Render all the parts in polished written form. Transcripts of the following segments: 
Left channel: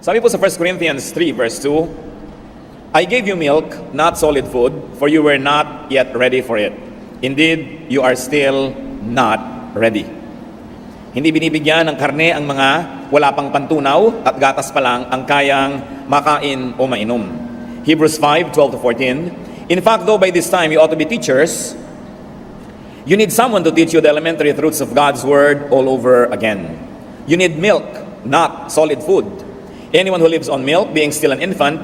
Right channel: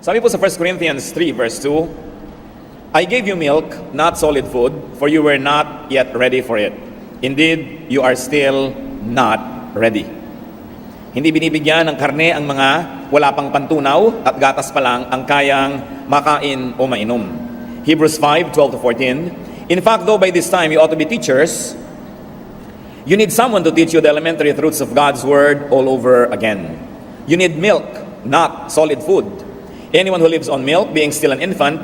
Sabi po sa 1 Corinthians 3 verse 2, I gave you milk, not solid food, for you were not yet ready for it. Indeed, you are still not ready. Hindi binibigyan ng karne ang mga wala pang pantunaw at gatas pa lang ang kayang makain o mainom. Hebrews 5:12-14. In fact, though by this time you ought to be teachers, you need someone to teach you the elementary truths of God's Word all over again. You need milk, not solid food. Anyone who lives on milk, being still an infant,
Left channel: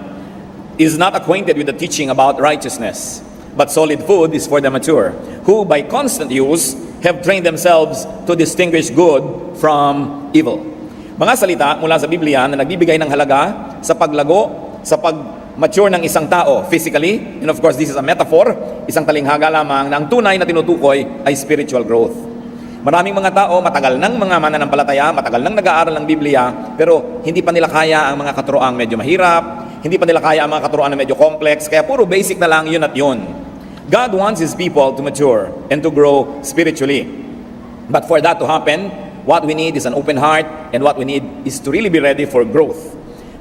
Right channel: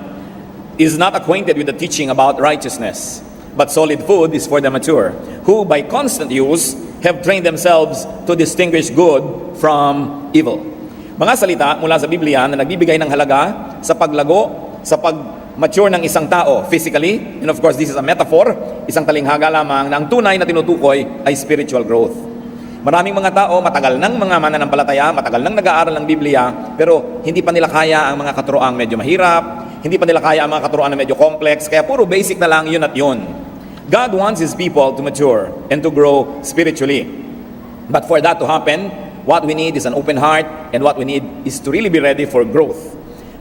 is not acquainted with the teaching about righteousness. But solid food is for the mature, who by constant use have trained themselves to distinguish good from evil. Mga salita mula sa Biblia na nagbibigay ng halaga sa paglago, sa pag-mature ng isang tao physically, and of course this is a metaphor, isang talinghaga lamang na ang tunay na tinutukoy ay spiritual growth. Maraming mga tao, matagal nang mga mananampalataya, matagal nang nag-aaral ng Biblia, pero hindi pa nila kaya ang mga katuroang medyo mahirap, hindi pa nila kaya ang mga katuroan na medyo complex, kaya puro basic na lang yun at yun. God wants His people to mature and to grow spiritually. But for that to happen, what we need is an open heart, and what we need is to really be ready for growth.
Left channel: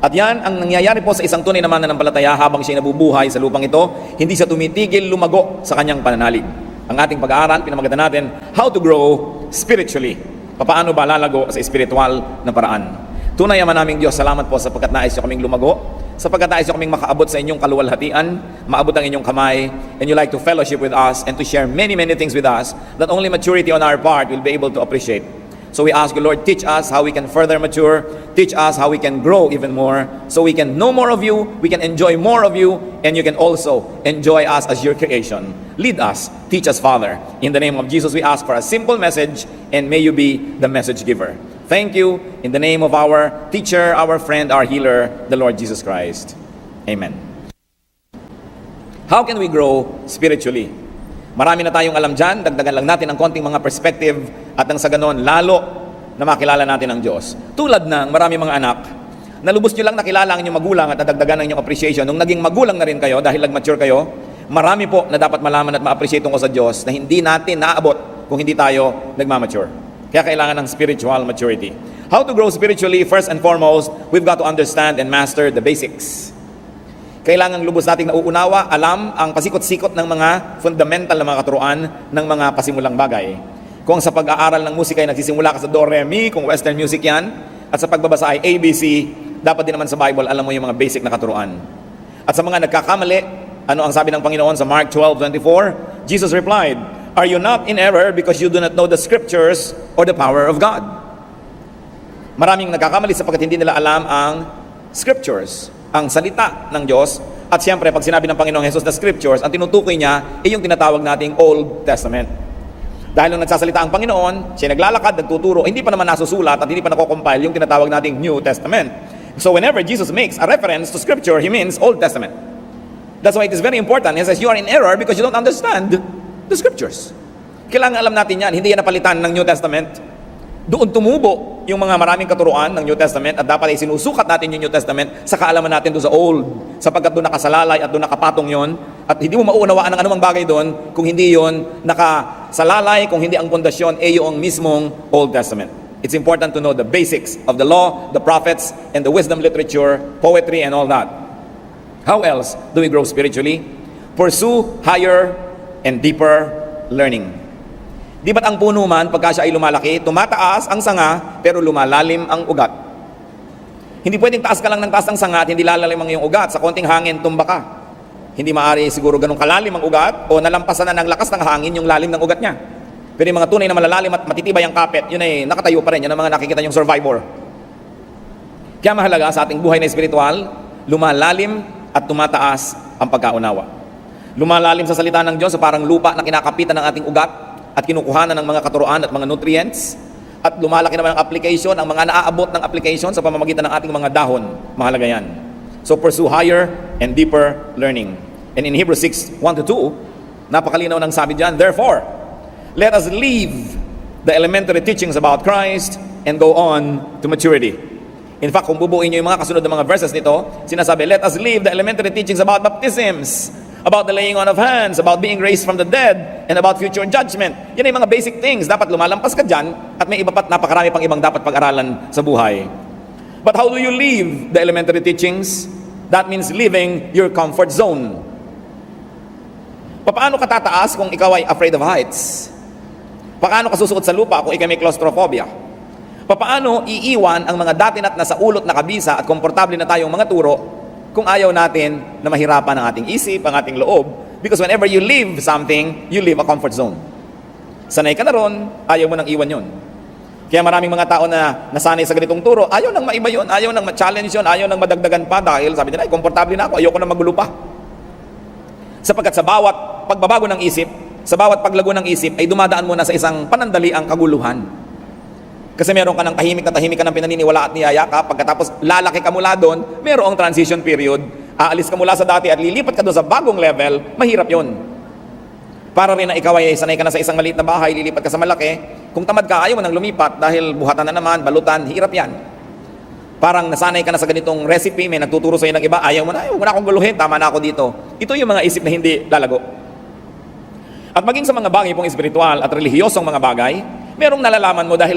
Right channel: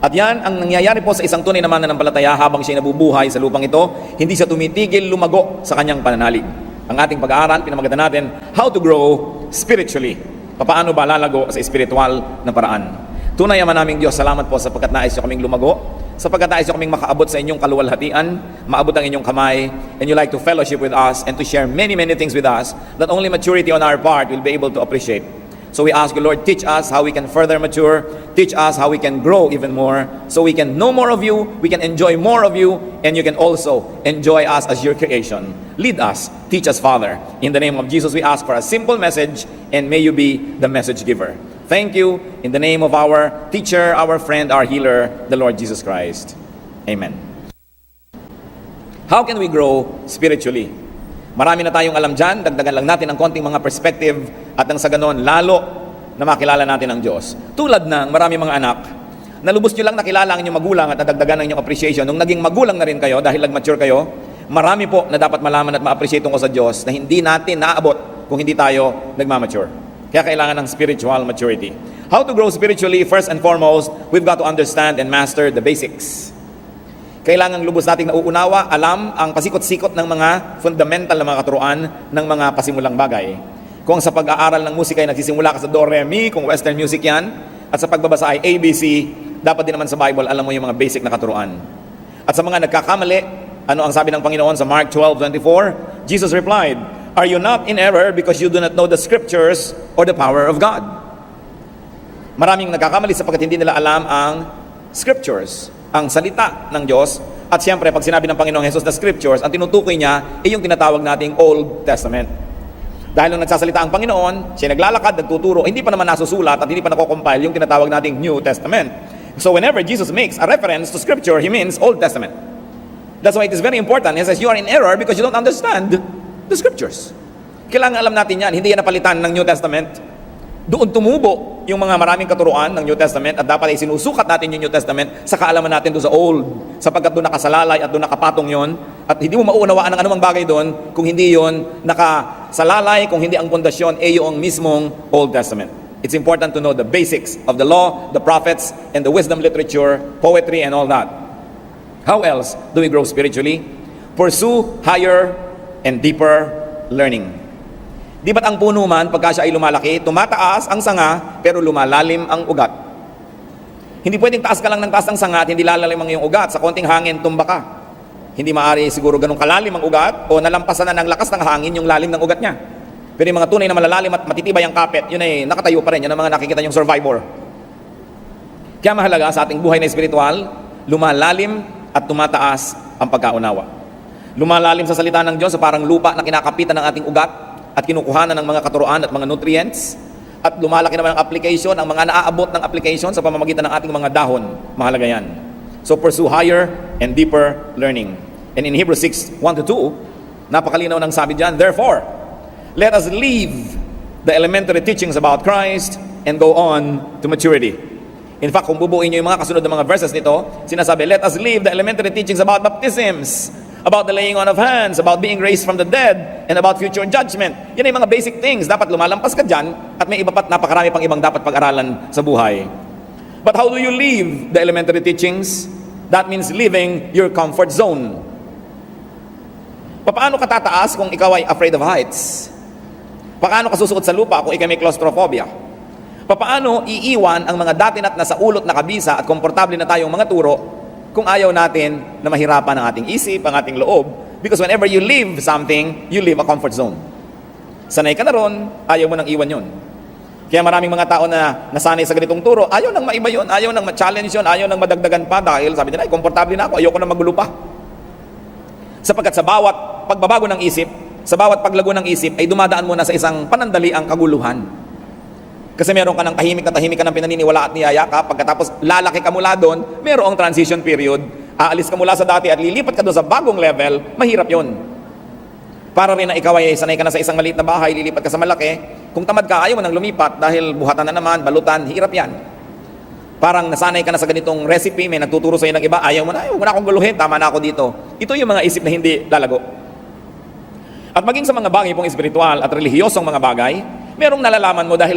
At yan ang nangyayari po sa isang tunay na mananampalataya habang siya nabubuhay sa lupang ito, hindi siya tumitigil lumago sa kanyang pananalig. Ang ating pag-aaral, pinamagatan natin, how to grow spiritually. Paano ba lalago sa spiritual na paraan? Tunay naman naming Diyos, salamat po sapagkat nais nyo kaming lumago, sapagkat nais nyo kaming makaabot sa inyong kaluwalhatian, maabot ang inyong kamay, and you like to fellowship with us and to share many things with us that only maturity on our part will be able to appreciate. So we ask you, Lord, teach us how we can further mature, teach us how we can grow even more, so we can know more of you, we can enjoy more of you, and you can also enjoy us as your creation. Lead us, teach us, Father. In the name of Jesus, we ask for a simple message, and may you be the message giver. Thank you, in the name of our teacher, our friend, our healer, the Lord Jesus Christ. Amen. How can we grow spiritually? Marami na tayong alam dyan, dagdagan lang natin ang konting mga perspective at nang sa ganon, lalo na makilala natin ang Diyos. Tulad ng marami mga anak, na lubos nyo lang nakilala ang inyong magulang at nadagdagan ang inyong appreciation. Nung naging magulang na rin kayo, dahil nag-mature kayo, marami po na dapat malaman at ma-appreciate tungkol sa Diyos na hindi natin naaabot kung hindi tayo nagmamature. Kaya kailangan ng spiritual maturity. How to grow spiritually? First and foremost, we've got to understand and master the basics. Kailangan lubos nating nauunawa, alam ang pasikot-sikot ng mga fundamental na mga katuruan ng mga pasimulang bagay. Kung sa pag-aaral ng musika ay nagsisimula ka sa do, re, mi, kung western music yan, at sa pagbabasa ay ABC, dapat din naman sa Bible, alam mo yung mga basic na katuruan. At sa mga nagkakamali, ano ang sabi ng Panginoon sa Mark 12:24? Jesus replied, are you not in error because you do not know the scriptures or the power of God? Maraming nagkakamali sapagkat hindi nila alam ang scriptures, ang salita ng Diyos. At siyempre, pag sinabi ng Panginoong Jesus na scriptures, ang tinutukoy niya ay yung tinatawag nating Old Testament. Dahil nung nagsasalita ang Panginoon, siya naglalakad, nagtuturo, hindi pa naman nasusulat at hindi pa nakocompile yung tinatawag nating New Testament. So whenever Jesus makes a reference to scripture, He means Old Testament. That's why it is very important. He says, you are in error because you don't understand the scriptures. Kailangan alam natin yan, hindi yan napalitan ng New Testament. Doon tumubo yung mga maraming katuruan ng New Testament at dapat ay sinusukat natin yung New Testament sa kaalaman natin doon sa Old, sapagkat doon nakasalalay at doon nakapatong yon at hindi mo mauunawaan ang anumang bagay doon kung hindi yon nakasalalay, kung hindi ang pundasyon ay yung mismong Old Testament. It's important to know the basics of the law, the prophets, and the wisdom literature, poetry, and all that. How else do we grow spiritually? Pursue higher and deeper learning. Di ba't ang puno man, pagka siya ay lumalaki, tumataas ang sanga, pero lumalalim ang ugat. Hindi pwedeng taas ka lang ng taas ang sanga at hindi lalalim ang iyong ugat. Sa konting hangin, tumba ka. Hindi maaari siguro ganun kalalim ang ugat o nalampasan na ng lakas ng hangin yung lalim ng ugat niya. Pero yung mga tunay na malalalim at matitibay ang kapit, yun ay nakatayo pa rin. Yun ang mga nakikita yung survivor. Kaya mahalaga sa ating buhay na espiritual, lumalalim at tumataas ang pagkaunawa. Lumalalim sa salita ng Diyos, parang lupa na kinakapitan ng ating ugat at kinukuhanan ng mga katuruan at mga nutrients, at lumalaki naman ang application, ang mga naaabot ng application sa pamamagitan ng ating mga dahon. Mahalaga yan. So pursue higher and deeper learning. And in Hebrews 6:1-2, napakalinaw ng sabi diyan, therefore, let us leave the elementary teachings about Christ and go on to maturity. In fact, kung bubuin niyo yung mga kasunod ng mga verses nito, sinasabi, let us leave the elementary teachings about baptisms, about the laying on of hands, about being raised from the dead, and about future judgment. Yan ay mga basic things. Dapat lumalampas ka dyan, at may iba pa't napakarami pang ibang dapat pag-aralan sa buhay. But how do you leave the elementary teachings? That means leaving your comfort zone. Paano ka tataas kung ikaw ay afraid of heights? Paano ka susuot sa lupa kung ikaw may claustrophobia? Paano iiwan ang mga dati na't nasa ulot na kabisa at komportable na tayong mga turo kung ayaw natin na mahirapan ang ating isip, ang ating loob? Because whenever you leave something, you leave a comfort zone. Sanay ka na ron, ayaw mo nang iwan yon. Kaya maraming mga tao na nasanay sa ganitong turo, ayaw nang maiba yun, ayaw nang ma-challenge yun, ayaw nang madagdagan pa dahil sabi nila, ay, komportable na ako, ayaw ko na magulo pa. Sapagkat sa bawat pagbabago ng isip, sa bawat paglago ng isip, ay dumadaan muna sa isang panandaliang kaguluhan. Kasi meron ka ng tahimik ka ng pinaniniwala at niyaya ka, pagkatapos lalaki ka mula doon, merong transition period, aalis ka mula sa dati at lilipat ka doon sa bagong level, mahirap yon. Para rin na ikaw ay sanay ka na sa isang maliit na bahay, lilipat ka sa malaki, kung tamad ka, ayaw mo nang lumipat dahil buhatan na naman, balutan, hirap yan. Parang nasanay ka na sa ganitong recipe, may nagtuturo sa'yo ng iba, ayaw mo na akong guluhin, tama na ako dito. Ito yung mga isip na hindi lalago. At maging sa mga bagay pong espiritual at relihiyosong mga bagay, merong nalalaman mo dahil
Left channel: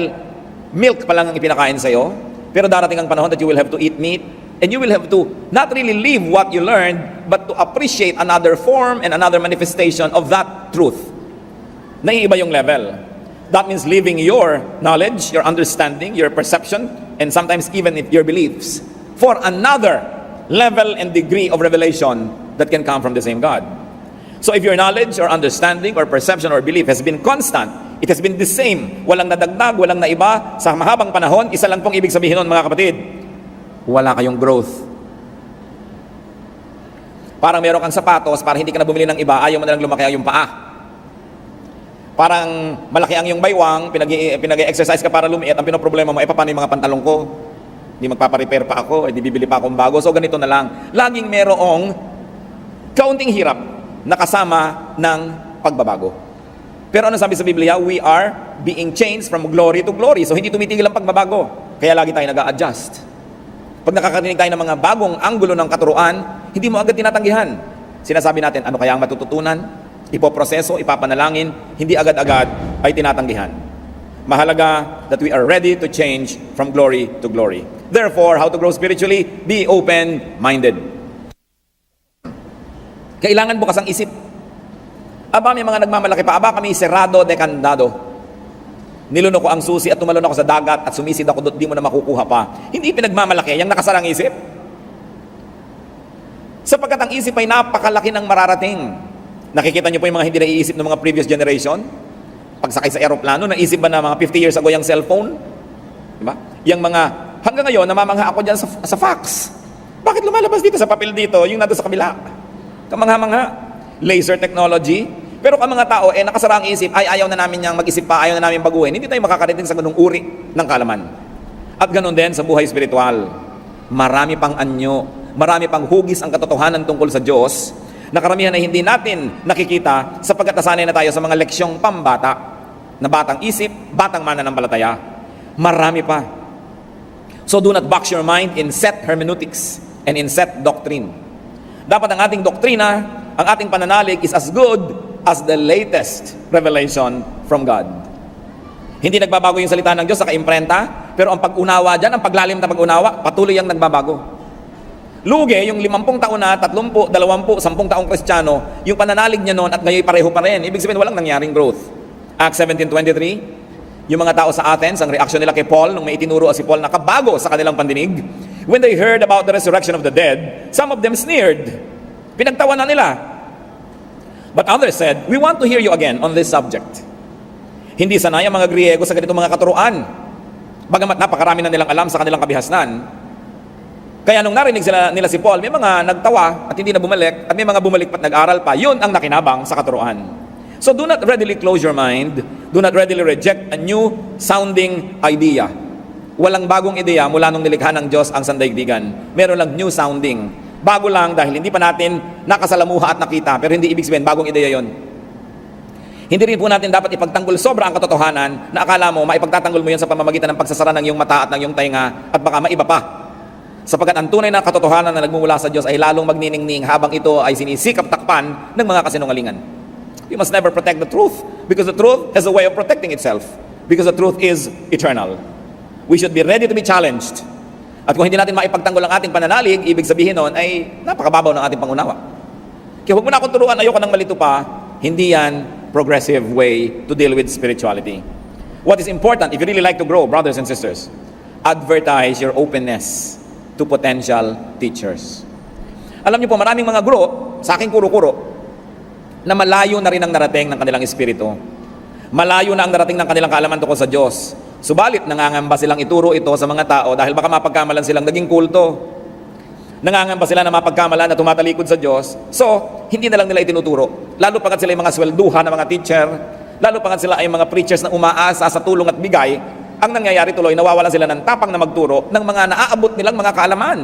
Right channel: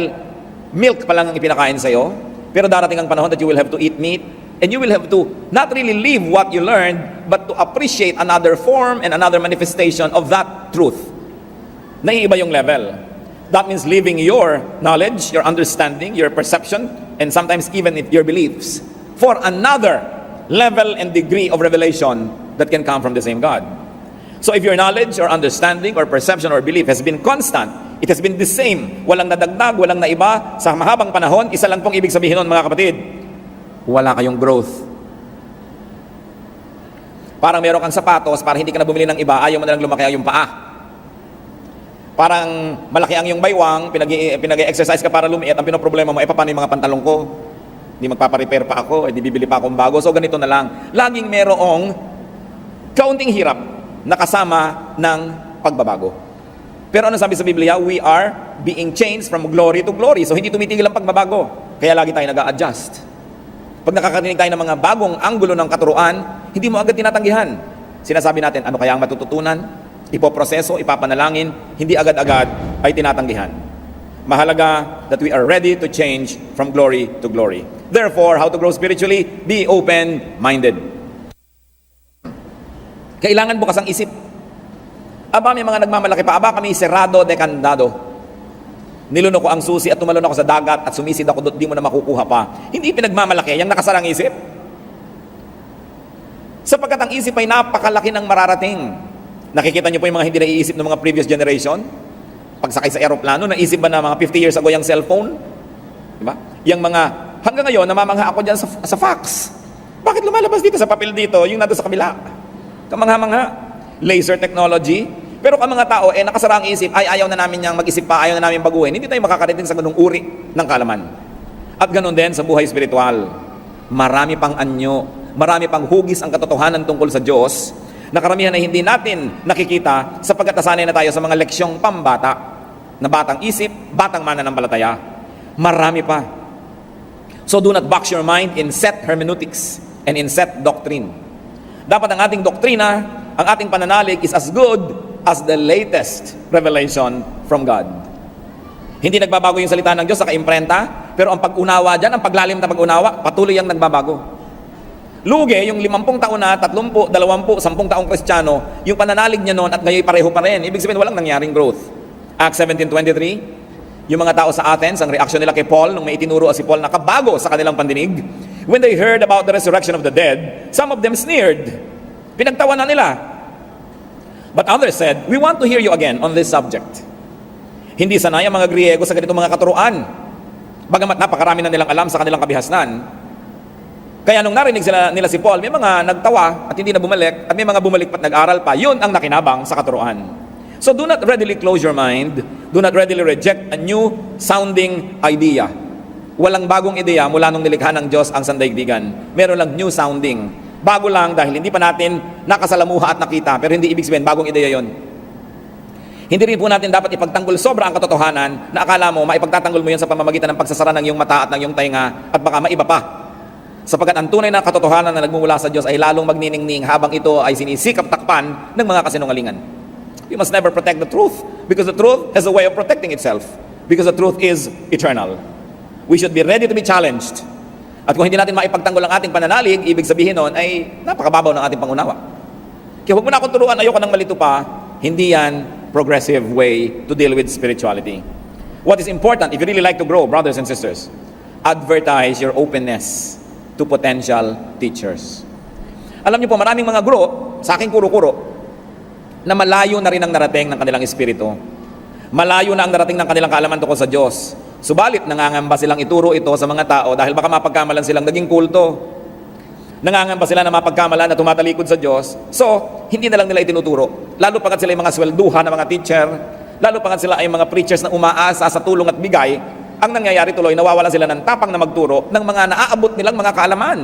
milk pa lang ang itinakain sa'yo, pero darating ang panahon that you will have to eat meat, and you will have to not really live what you learned, but to appreciate another form and another manifestation of that truth. Naiiba yung level. That means leaving your knowledge, your understanding, your perception, and sometimes even your beliefs for another level and degree of revelation that can come from the same God. So if your knowledge or understanding or perception or belief has been constant, it has been the same, walang nadagdag, walang naiba, sa mahabang panahon, isa lang pong ibig sabihin nun, mga kapatid, wala kayong growth. Parang meron kang sapatos, para hindi ka na bumili ng iba, ayaw mo na lang lumaki ang yung paa. Parang malaki ang yung baywang, pinag-exercise ka para lumiit, ang pinoproblema mo, paano yung mga pantalong ko? Hindi magpaparepair pa ako, di bibili pa akong bago. So ganito na lang. Laging merong kaunting hirap nakasama ng pagbabago. Pero ano sabi sa Biblia? We are being changed from glory to glory. So hindi tumitigil ang pagbabago. Kaya lagi tayo nag-a-adjust. Pag nakakarinig tayo ng mga bagong anggulo ng katuruan, hindi mo agad tinatanggihan. Sinasabi natin, ano kaya ang matututunan? Ipoproseso, ipapanalangin, hindi agad-agad ay tinatanggihan. Mahalaga that we are ready to change from glory to glory. Therefore, how to grow spiritually? Be open-minded. Kailangan bukas ang isip. Aba, may mga nagmamalaki pa. Aba, kami serrado de candado. Nilunok ko ang susi at tumalon ako sa dagat at sumisid ako doon, di mo na makukuha pa. Hindi pinagmamalaki, yung nakasarang isip. Sapagkat ang isip ay napakalaki ng mararating. Nakikita niyo po yung mga hindi naiisip ng mga previous generation? Pagsakay sa aeroplano, naisip ba na mga 50 years ago yung cellphone? Diba? Yung mga, hanggang ngayon, namamangha ako dyan sa fax. Bakit lumalabas dito sa papel dito, yung nato sa kabila? Kamangha-mangha. Laser technology. Pero ka mga tao, nakasara ang isip, ay ayaw na namin niyang mag-isip pa, ayaw na namin baguhin. Hindi tayo makakarating sa ganung uri ng kalaman. At ganun din sa buhay spiritual. Marami pang anyo, marami pang hugis ang katotohanan tungkol sa Diyos, na karamihan ay hindi natin nakikita sapagkat nasanay na tayo sa mga leksyong pambata na batang isip, batang mananampalataya. Marami pa. So do not box your mind in set hermeneutics and in set doctrine. Dapat ang ating doktrina, ang ating pananalig is as good as the latest revelation from God. Hindi nagbabago yung salita ng Diyos, naka-imprenta, pero ang pag-unawa dyan, ang paglalim na pag-unawa, patuloy ang nagbabago. Lugi, yung 50 taon na, 30, 20, 10 taong Kristiyano, yung pananalig niya noon at ngayon pareho pa rin. Ibig sabihin, walang nangyaring growth. Acts 17:23, yung mga tao sa Athens, ang reaksyon nila kay Paul, nung may itinuro si Paul, nakabago sa kanilang pandinig. When they heard about the resurrection of the dead, some of them sneered. Pinagtawanan nila. But others said, we want to hear you again on this subject. Hindi sanay ang mga Griego sa ganitong mga katuruan. Bagamat napakarami na nilang alam sa kanilang kabihasnan. Kaya nung narinig nila si Paul, may mga nagtawa at hindi na bumalik, at may mga bumalik pat nag-aral pa, yun ang nakinabang sa katuruan. So do not readily close your mind, do not readily reject a new sounding idea. Walang bagong ideya mula nung nilikha ng Diyos ang sandaigdigan. Meron lang new sounding. Bago lang dahil hindi pa natin nakasalamuha at nakita, pero hindi ibig sabihin bagong ideya yon. Hindi rin po natin dapat ipagtanggol sobra ang katotohanan na akala mo maipagtatanggol mo yan sa pamamagitan ng pagsasara ng iyong mata at ng iyong tainga at baka maiba pa. Sapagkat ang tunay na katotohanan na nagmumula sa Diyos ay lalong magniningning habang ito ay sinisikap takpan ng mga kasinungalingan. You must never protect the truth because the truth has a way of protecting itself because the truth is eternal. We should be ready to be challenged. At kung hindi natin maipagtanggol ang ating pananalig, ibig sabihin nun ay napakababaw ng ating pangunawa. Kaya huwag mo na akong turuan, ayoko nang malito pa. Hindi yan progressive way to deal with spirituality. What is important, if you really like to grow, brothers and sisters, advertise your openness to potential teachers. Alam niyo po, maraming mga guro, sa aking kuro-kuro, na malayo na rin ang narating ng kanilang espiritu. Malayo na ang narating ng kanilang kaalaman tungkol sa Diyos. Subalit, nangangamba silang ituro ito sa mga tao dahil baka mapagkamalan silang naging kulto. Nangangamba sila na mapagkamalan na tumatalikod sa Diyos. So, hindi na lang nila itinuturo. Lalo pa sila ay mga swelduhan ng mga teacher, lalo pa sila ay mga preachers na umaasa sa tulong at bigay, ang nangyayari tuloy, nawawalan sila ng tapang na magturo ng mga naaabot nilang mga kaalaman.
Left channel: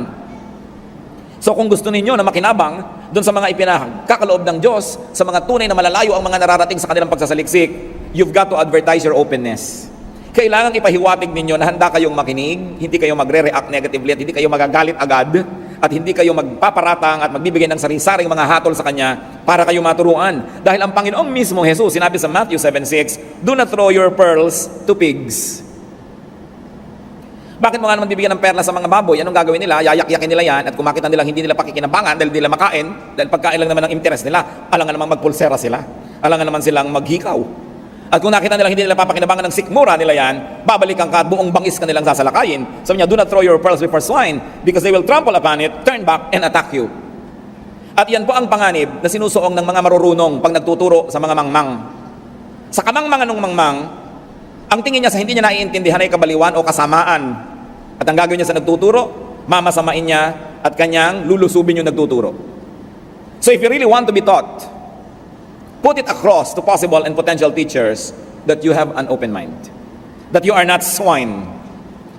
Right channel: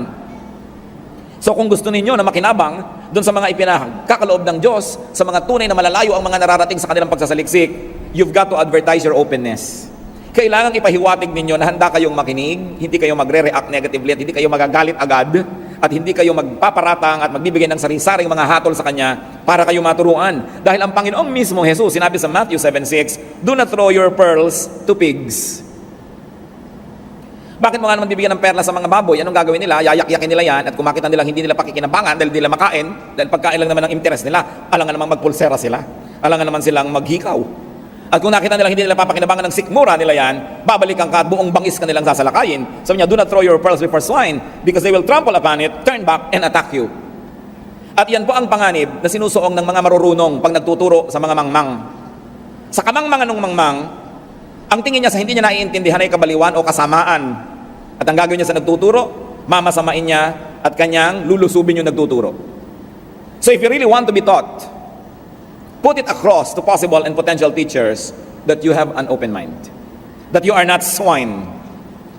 So kung gusto ninyo na makinabang dun sa mga ipinakakaloob ng Diyos, sa mga tunay na malalayo ang mga nararating sa kanilang pagsasaliksik, you've got to advertise your openness. Kailangan ipahiwatig ninyo na handa kayong makinig, hindi kayo magre-react negatively at hindi kayo magagalit agad at hindi kayo magpaparatang at magbibigay ng sari-saring mga hatol sa Kanya para kayo maturuan. Dahil ang Panginoong mismo Jesus, sinabi sa Matthew 7:6, do not throw your pearls to pigs. Bakit mo nga naman bibigyan ng perla sa mga baboy? Anong gagawin nila? Yayak-yakin nila yan at kung makita nilang hindi nila pakikinabangan dahil hindi nila makain, dahil pagkain lang naman ang interes nila, alangan namang magpulsera sila, alangan naman silang maghikaw. At kung nakita nilang hindi nila papakinabangan ng sikmura nila yan, babalikan ka at buong bangis ka nilang sasalakayin. Sabi niya, do not throw your pearls before swine because they will trample upon it, turn back, and attack you. At yan po ang panganib na sinusuong ng mga marurunong pag nagtuturo sa mga mangmang. Sa kamangmangan ng mangmang, ang tingin niya sa hindi niya naiintindihan ay kabaliwan o kasamaan. At ang gagawin niya sa nagtuturo, mamasamain niya at kanyang lulusubin yung nagtuturo. So if you really want to be taught, put it across to possible and potential teachers that you have an open mind. That you are not swine.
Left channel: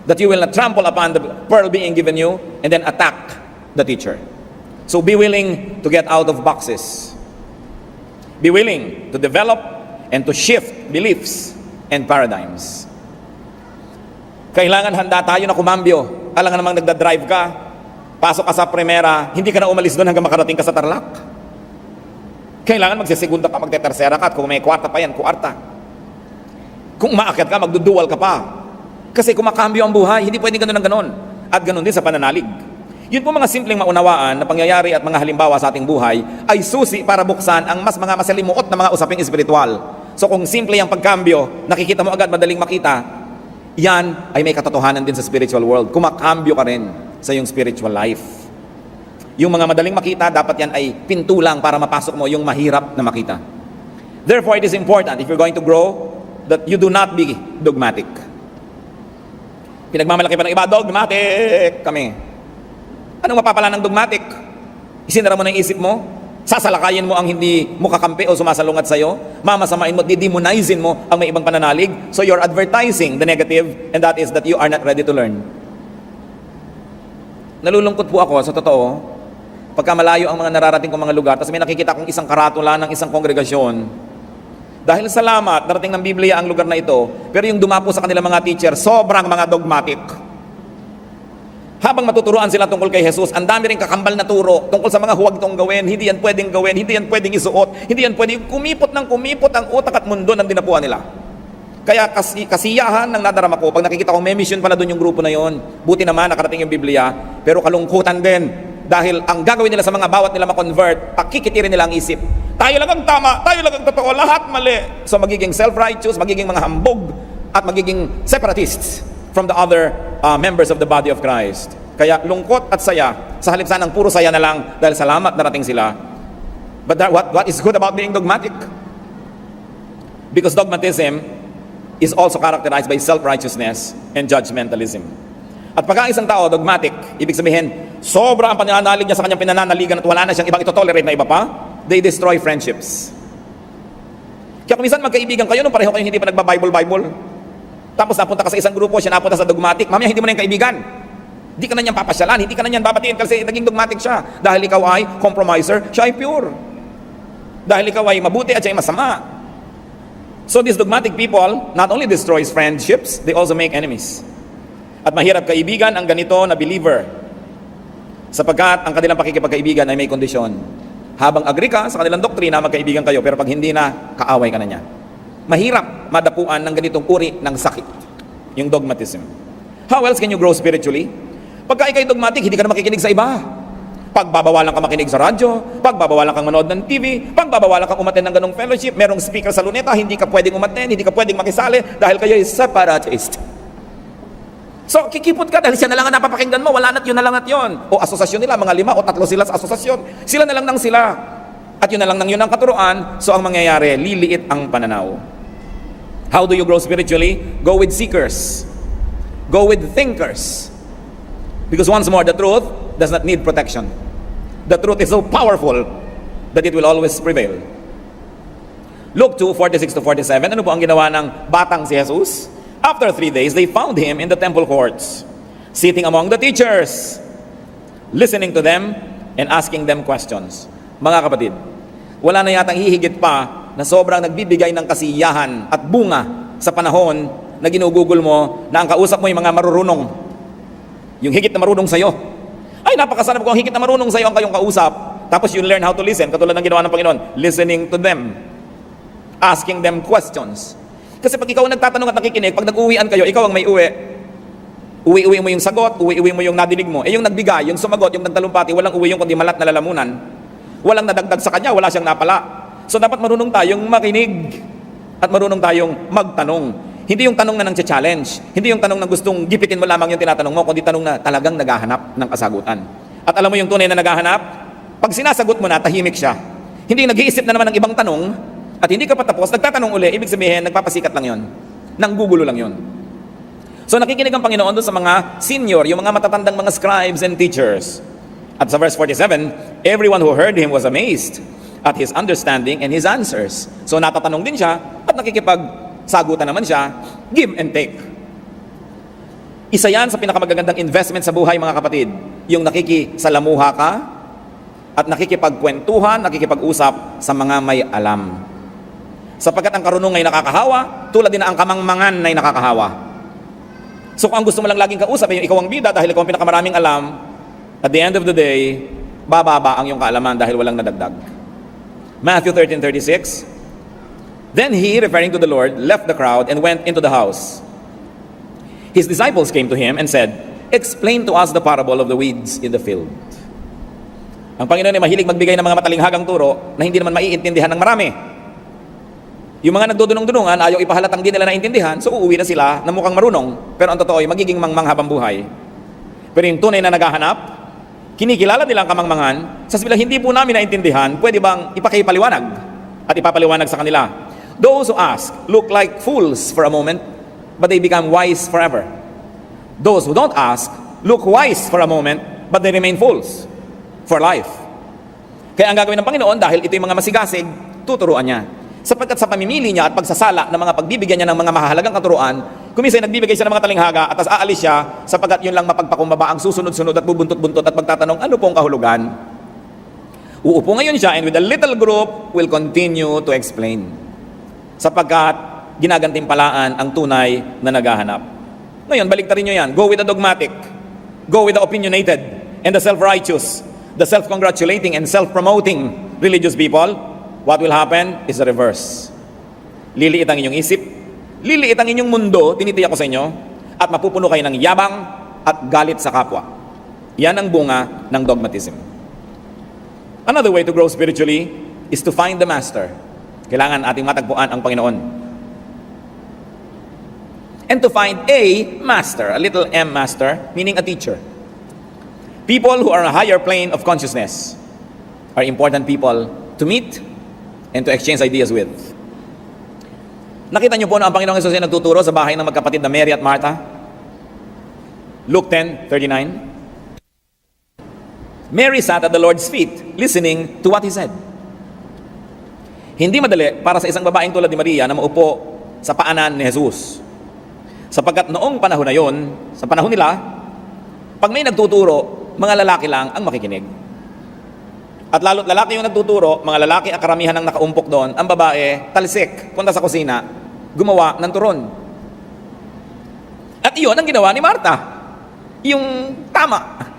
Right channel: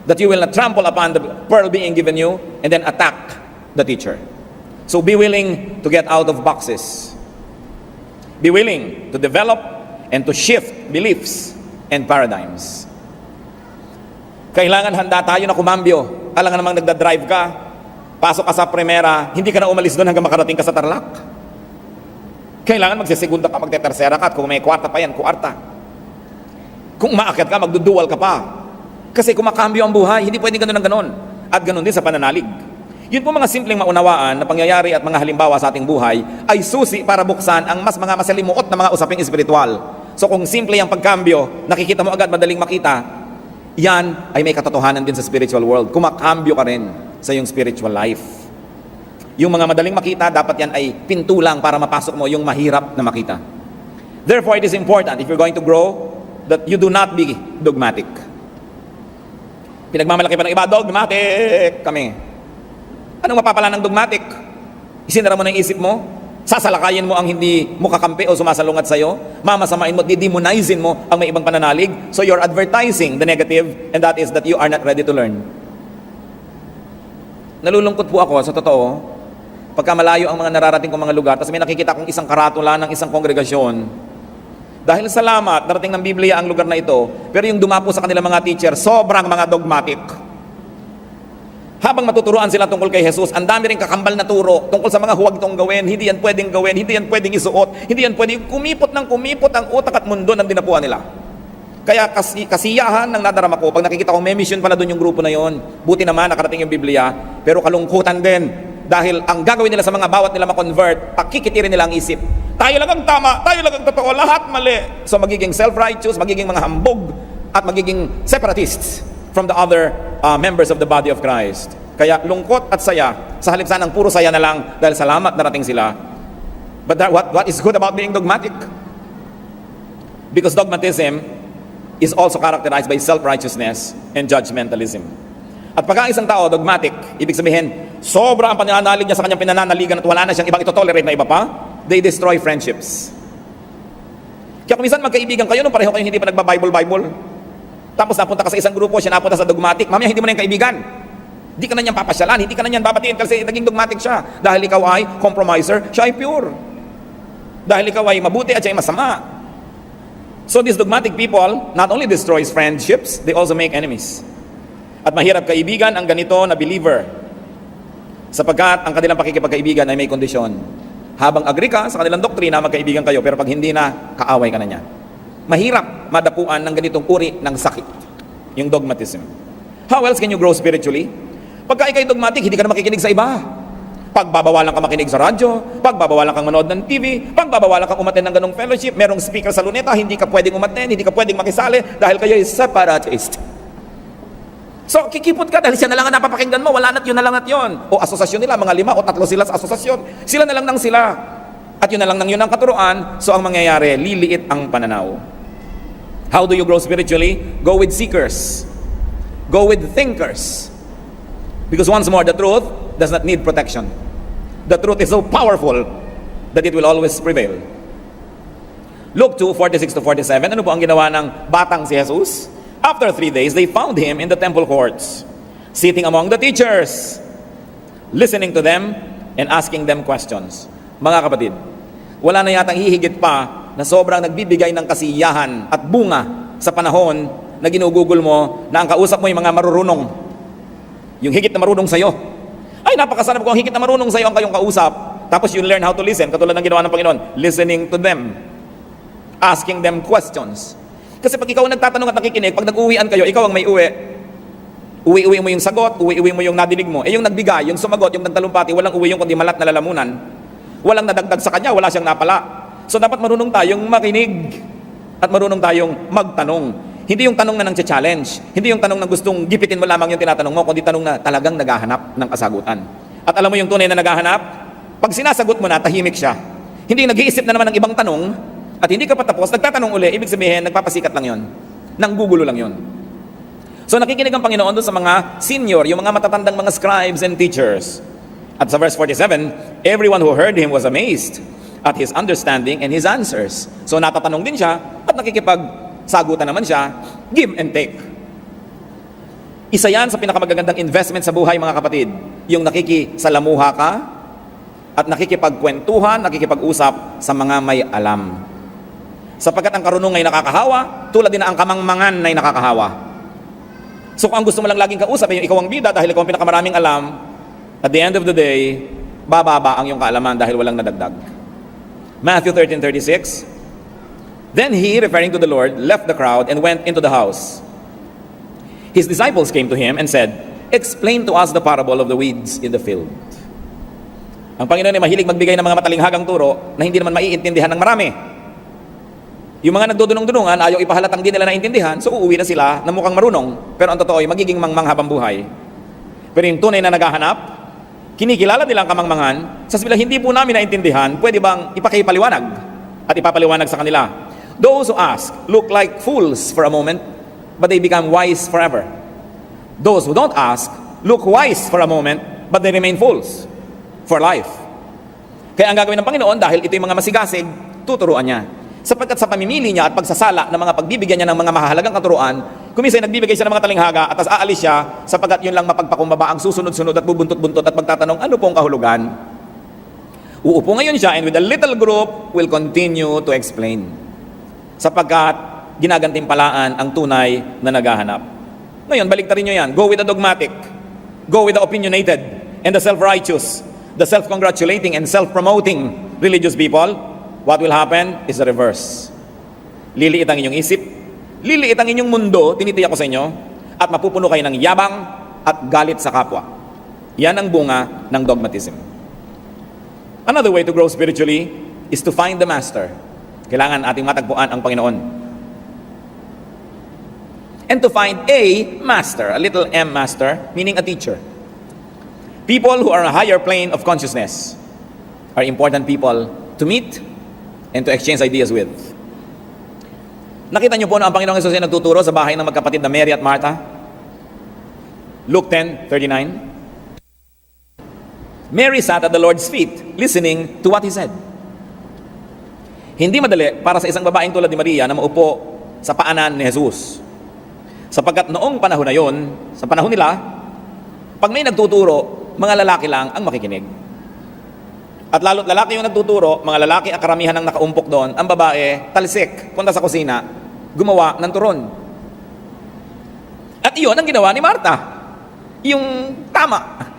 That you will not trample upon the pearl being given you and then attack the teacher. So be willing to get out of boxes. Be willing to develop and to shift beliefs and paradigms. Kailangan handa tayo na kumambyo. Alangan namang nagdadrive ka, pasok ka sa primera, hindi ka na umalis doon hanggang makarating ka sa Tarlac. Kailangan magsisegunda ka, magtetersera ka, at kung may kwarta pa yan, kwarta. Kung umaakyat ka, magdudual ka pa. Kasi kumakambyo ang buhay, hindi pwedeng ganun ng ganun. At ganun din sa pananalig. Yun po mga simpleng maunawaan na pangyayari at mga halimbawa sa ating buhay ay susi para buksan ang mas mga masalimuot na mga usaping espiritual. So kung simple ang pagkambyo, nakikita mo agad, madaling makita, yan ay may katotohanan din sa spiritual world. Kumakambyo ka rin sa iyong spiritual life. Yung mga madaling makita, dapat yan ay pinto lang para mapasok mo yung mahirap na makita. Therefore, it is important if you're going to grow that you do not be dogmatic. Pinagmamalaki pa ng iba, dogmatic kami. Anong mapapala ng dogmatic? Isinara mo na yung isip mo? Sasalakayin mo ang hindi mo kakampi o sumasalungat sa'yo? Mamasamain mo, didemonizing mo ang may ibang pananalig? So you're advertising the negative, and that is that you are not ready to learn. Nalulungkot po ako, sa totoo, pagka malayo ang mga nararating kong mga lugar, tapos may nakikita kong isang karatula ng isang kongregasyon. Dahil salamat, darating ng Biblia ang lugar na ito, pero yung dumapo sa kanila mga teacher, sobrang mga dogmatic. Habang matuturuan sila tungkol kay Jesus, ang dami rin kakambal na turo tungkol sa mga huwag tong gawin, hindi yan pwedeng gawin, hindi yan pwedeng isuot, hindi yan pwedeng kumipot ang utak at mundo ng dinapuan nila. Kaya kasiyahan ng nadarama ko, pag nakikita ko may mission pala doon yung grupo na yon, buti naman nakarating yung Biblia, pero kalungkutan din, dahil ang gagawin nila sa mga bawat nila ma-convert, pakikitirin nila ang isip. Tayo lang ang tama, tayo lang ang totoo, lahat mali. So magiging self-righteous, magiging mga hambog, at magiging separatists from the other members of the body of Christ. Kaya lungkot at saya, sa halip sanang puro saya na lang dahil salamat narating sila. But what is good about being dogmatic? Because dogmatism is also characterized by self-righteousness and judgmentalism. At pag ang isang tao dogmatic, ibig sabihin, sobra ang pananalig niya sa kanyang pinananaligan at wala na siyang ibang ito-tolerate na iba pa, they destroy friendships. Kaya kung minsan magkaibigan kayo, nung pareho kayo hindi pa nagba-Bible, tapos napunta ka sa isang grupo, siya napunta sa dogmatic, mamaya hindi mo na yung kaibigan. Hindi ka na niyan papasyalan, hindi ka na niyan babatiin kasi naging dogmatic siya. Dahil ikaw ay compromiser, siya ay pure. Dahil ikaw ay mabuti at siya ay masama. So these dogmatic people not only destroys friendships, they also make enemies. At mahirap kaibigan ang ganito na believer. Sapagkat ang kanilang pakikipagkaibigan ay may kondisyon. Habang agree ka sa kanilang doktrina, magkaibigan kayo, pero pag hindi na, kaaway ka na niya. Mahirap madapuan ng ganitong uri ng sakit, yung dogmatism. How else can you grow spiritually? Pagka ikay dogmatic, hindi ka na makikinig sa iba. Pagbabawalan ka makinig sa radyo, pagbabawalan kang manood ng TV, pagbabawalan kang umaten ng ganong fellowship, merong speaker sa luneta, hindi ka pwedeng umaten, hindi ka pwedeng makisali dahil kayo ay separatist. So, kikipot ka dahil siya na lang ang napapakinggan mo, wala na't yun na lang at yun. O asosasyon nila, mga 5 o 3 sila sa asosasyon. Sila na lang nang sila. At yun na lang nang yun ang katuruan, so ang mangyayari, liliit ang pananaw. How do you grow spiritually? Go with seekers. Go with thinkers. Because once more, the truth does not need protection. The truth is so powerful that it will always prevail. Luke 2:46-47, ano po ang ginawa ng batang si Jesus? After 3 days, they found him in the temple courts, sitting among the teachers, listening to them and asking them questions. Mga kapatid, wala na yatang hihigit pa na sobrang nagbibigay ng kasiyahan at bunga sa panahon na ginugugol mo na ang kausap mo yung mga marurunong. Yung higit na marunong sa'yo. Ay, napakasarap kung ang higit na marunong sa'yo ang kayong kausap. Tapos you learn how to listen, katulad ng ginawa ng Panginoon. Listening to them. Asking them questions. Kasi pag ikaw ang nagtatanong at nakikinig, pag nag-uwian kayo, ikaw ang may uwi. Uwi-uwi mo yung sagot, uwi-uwi mo yung nadinig mo. Yung nagbigay, yung sumagot, yung nagtalumpati, walang uwi yung kundi malat na lalamunan. Walang nadagdag sa kanya, wala siyang napala. So dapat marunong tayong makinig. At marunong tayong magtanong. Hindi yung tanong na challenge. Hindi yung tanong na gustong gipitin mo lamang yung tinatanong mo, kundi tanong na talagang naghahanap ng kasagutan. At alam mo yung tunay na naghahanap? Pag sinasagot mo na, tahimik siya. Hindi nag-iisip na naman ng ibang tanong, at hindi ka pa tapos, nagtatanong uli, ibig sabihin, nagpapasikat lang yon. Nanggugulo lang yon. So nakikinig ang Panginoon doon sa mga senior, yung mga matatandang mga scribes and teachers. At sa verse 47, everyone who heard him was amazed at his understanding and his answers. So natatanong din siya, at nakikipagsagutan naman siya, give and take. Isa yan sa pinakamagagandang investment sa buhay, mga kapatid. Yung nakikisalamuha ka, at nakikipagkwentuhan, nakikipag-usap sa mga may alam. Sapagkat ang karunungan ay nakakahawa, tulad din na ang kamangmangan ay nakakahawa. So kung ang gusto mo lang laging kausap, ay ikaw ang bida dahil ikaw ang pinakamaraming alam, at the end of the day, bababa ang iyong kaalaman dahil walang nadagdag. Matthew 13:36. Then he, referring to the Lord, left the crowd and went into the house. His disciples came to him and said, "Explain to us the parable of the weeds in the field." Ang Panginoon ay mahilig magbigay ng mga matalinghagang turo na hindi naman maiintindihan ng marami. Yung mga nagdudunong-dunungan, ayaw ipahalatang di nila naintindihan, so uuwi na sila na mukhang marunong, pero ang totoo ay magiging manghabang buhay. Pero yung tunay na naghahanap, kinikilala nila ang kamangmangan, sa bilang hindi po namin naintindihan, pwede bang ipakipaliwanag at ipapaliwanag sa kanila? Those who ask look like fools for a moment, but they become wise forever. Those who don't ask look wise for a moment, but they remain fools for life. Kaya ang gagawin ng Panginoon, dahil ito yung mga masigasig, tuturuan niya. Sapagkat sa pamimili niya at pagsasala ng mga pagbibigyan niya ng mga mahalagang katuruan, kuminsan nagbibigay siya ng mga talinghaga at tas aalis siya sapagkat yun lang mapagpakumbaba ang susunod-sunod at bubuntot-buntot at magtatanong, ano pong kahulugan? Uupo ngayon siya and with a little group will continue to explain. Sapagkat ginagantimpalaan ang tunay na naghahanap. Ngayon, baliktarin nyo yan. Go with the dogmatic. Go with the opinionated and the self-righteous. The self-congratulating and self-promoting religious people. What will happen is the reverse. Liliit ang inyong isip, liliit ang inyong mundo, tinitiyak ko sa inyo, at mapupuno kayo ng yabang at galit sa kapwa. Yan ang bunga ng dogmatism. Another way to grow spiritually is to find the master. Kailangan ating matagpuan ang Panginoon. And to find a master, a little m master, meaning a teacher. People who are a higher plane of consciousness are important people to meet and to exchange ideas with. Nakita niyo po na ang Panginoong Hesus ay nagtuturo sa bahay ng magkapatid na Mary at Martha? Luke 10:39. Mary sat at the Lord's feet, listening to what He said. Hindi madali para sa isang babaeng tulad ni Maria na maupo sa paanan ni Jesus. Sapagkat noong panahon na yon, sa panahon nila, pag may nagtuturo, mga lalaki lang ang makikinig. At lalo't lalaki yung nagtuturo, mga lalaki ang karamihan ng nakaumpok doon, ang babae, talsik, punta sa kusina, gumawa ng turon. At iyon ang ginawa ni Martha. Yung tama,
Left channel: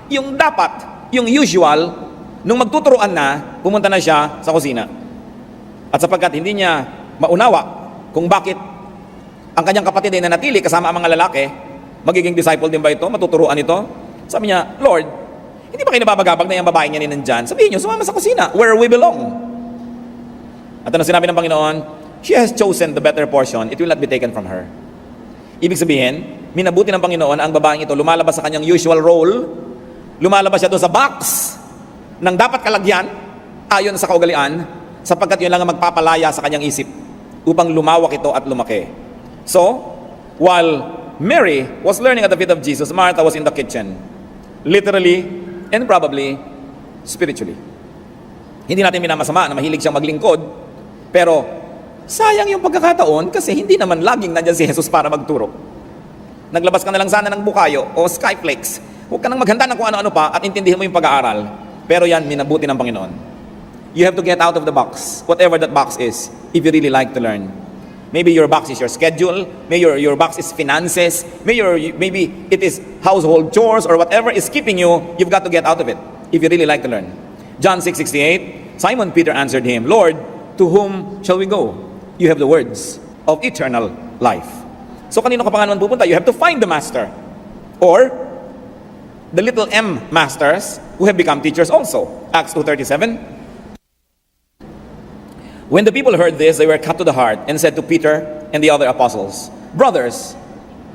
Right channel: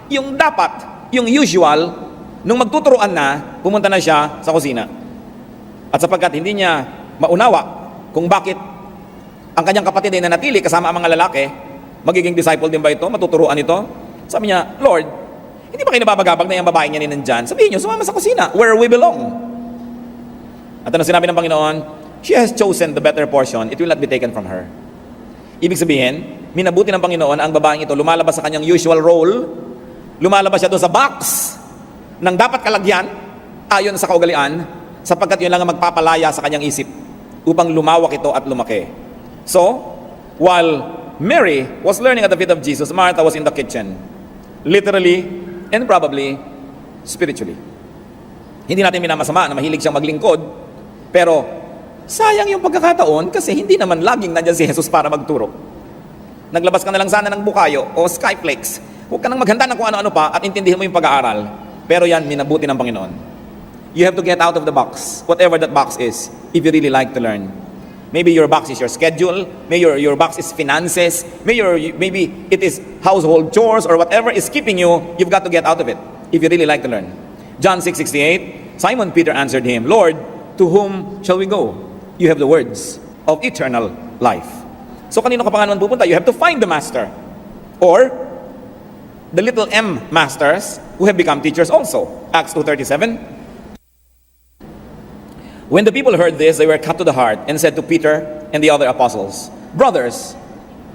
yung dapat, yung usual, nung magtuturuan na, pumunta na siya sa kusina. At sapagkat hindi niya maunawa kung bakit ang kanyang kapatid ay nanatili kasama ang mga lalaki, magiging disciple din ba ito? Matuturuan ito? Sabi niya, Lord, hindi ba kayo nababagabag na yung babaeng yan nandyan? Sabihin niyo, sumama sa kusina, where we belong. At ano sinabi ng Panginoon? She has chosen the better portion, it will not be taken from her. Ibig sabihin, minabuti ng Panginoon ang babaeng ito, lumalabas sa kanyang usual role, lumalabas siya doon sa box ng dapat kalagyan, ayon sa kaugalian, sapagkat yun lang ang magpapalaya sa kanyang isip upang lumawak ito at lumaki. So, while Mary was learning at the feet of Jesus, Martha was in the kitchen. Literally and probably spiritually. Hindi natin minamasama na mahilig siyang maglingkod, pero sayang yung pagkakataon kasi hindi naman laging nandyan si Jesus para magturo. Naglabas ka na lang sana ng bukayo o skyflakes. Huwag ka nang maghanda ng kung ano-ano pa at intindihin mo yung pag-aaral. Pero yan, minabuti ng Panginoon. You have to get out of the box, whatever that box is, if you really like to learn. Maybe your box is your schedule, maybe your box is finances, maybe it is household chores or whatever is keeping you, you've got to get out of it if you really like to learn. John 6:68, Simon Peter answered him, Lord, to whom shall we go? You have the words of eternal life. So kanino ka pa nga naman pupunta? You have to find the master. Or the little M masters who have become teachers also. Acts 2:37. When the people heard this, they were cut to the heart and said to Peter and the other apostles, Brothers,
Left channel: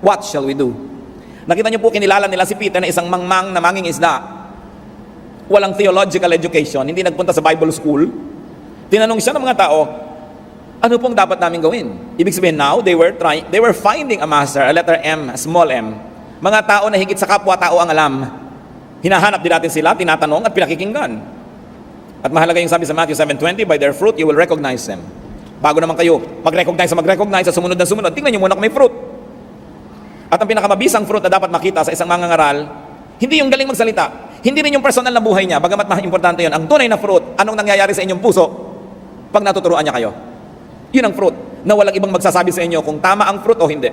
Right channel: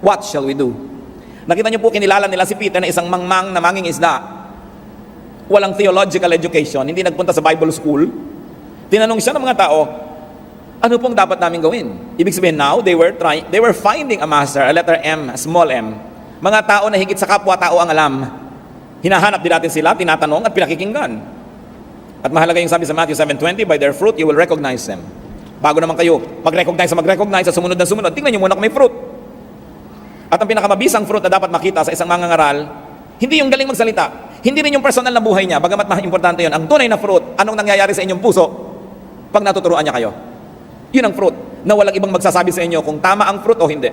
what shall we do? Nakita niyo po, kinilala nila si Peter na isang mangmang na manging isda. Walang theological education, hindi nagpunta sa Bible school. Tinanong siya ng mga tao, ano pong dapat namin gawin? Ibig sabihin now, they were finding a master, a letter M, a small m. Mga tao na higit sa kapwa-tao ang alam. Hinahanap din natin sila, tinatanong at pinakikinggan. At mahalaga yung sabi sa Matthew 7:20, by their fruit you will recognize them. Bago naman kayo mag-recognize at sumunod na sumunod, tingnan nyo muna kung may fruit. At ang pinakamabisang fruit na dapat makita sa isang mangangaral, hindi yung galing magsalita, hindi rin yung personal na buhay niya, bagamat importante yun. Ang tunay na fruit, anong nangyayari sa inyong puso pag natuturuan niya kayo? Yun ang fruit, na walang ibang magsasabi sa inyo kung tama ang fruit o hindi.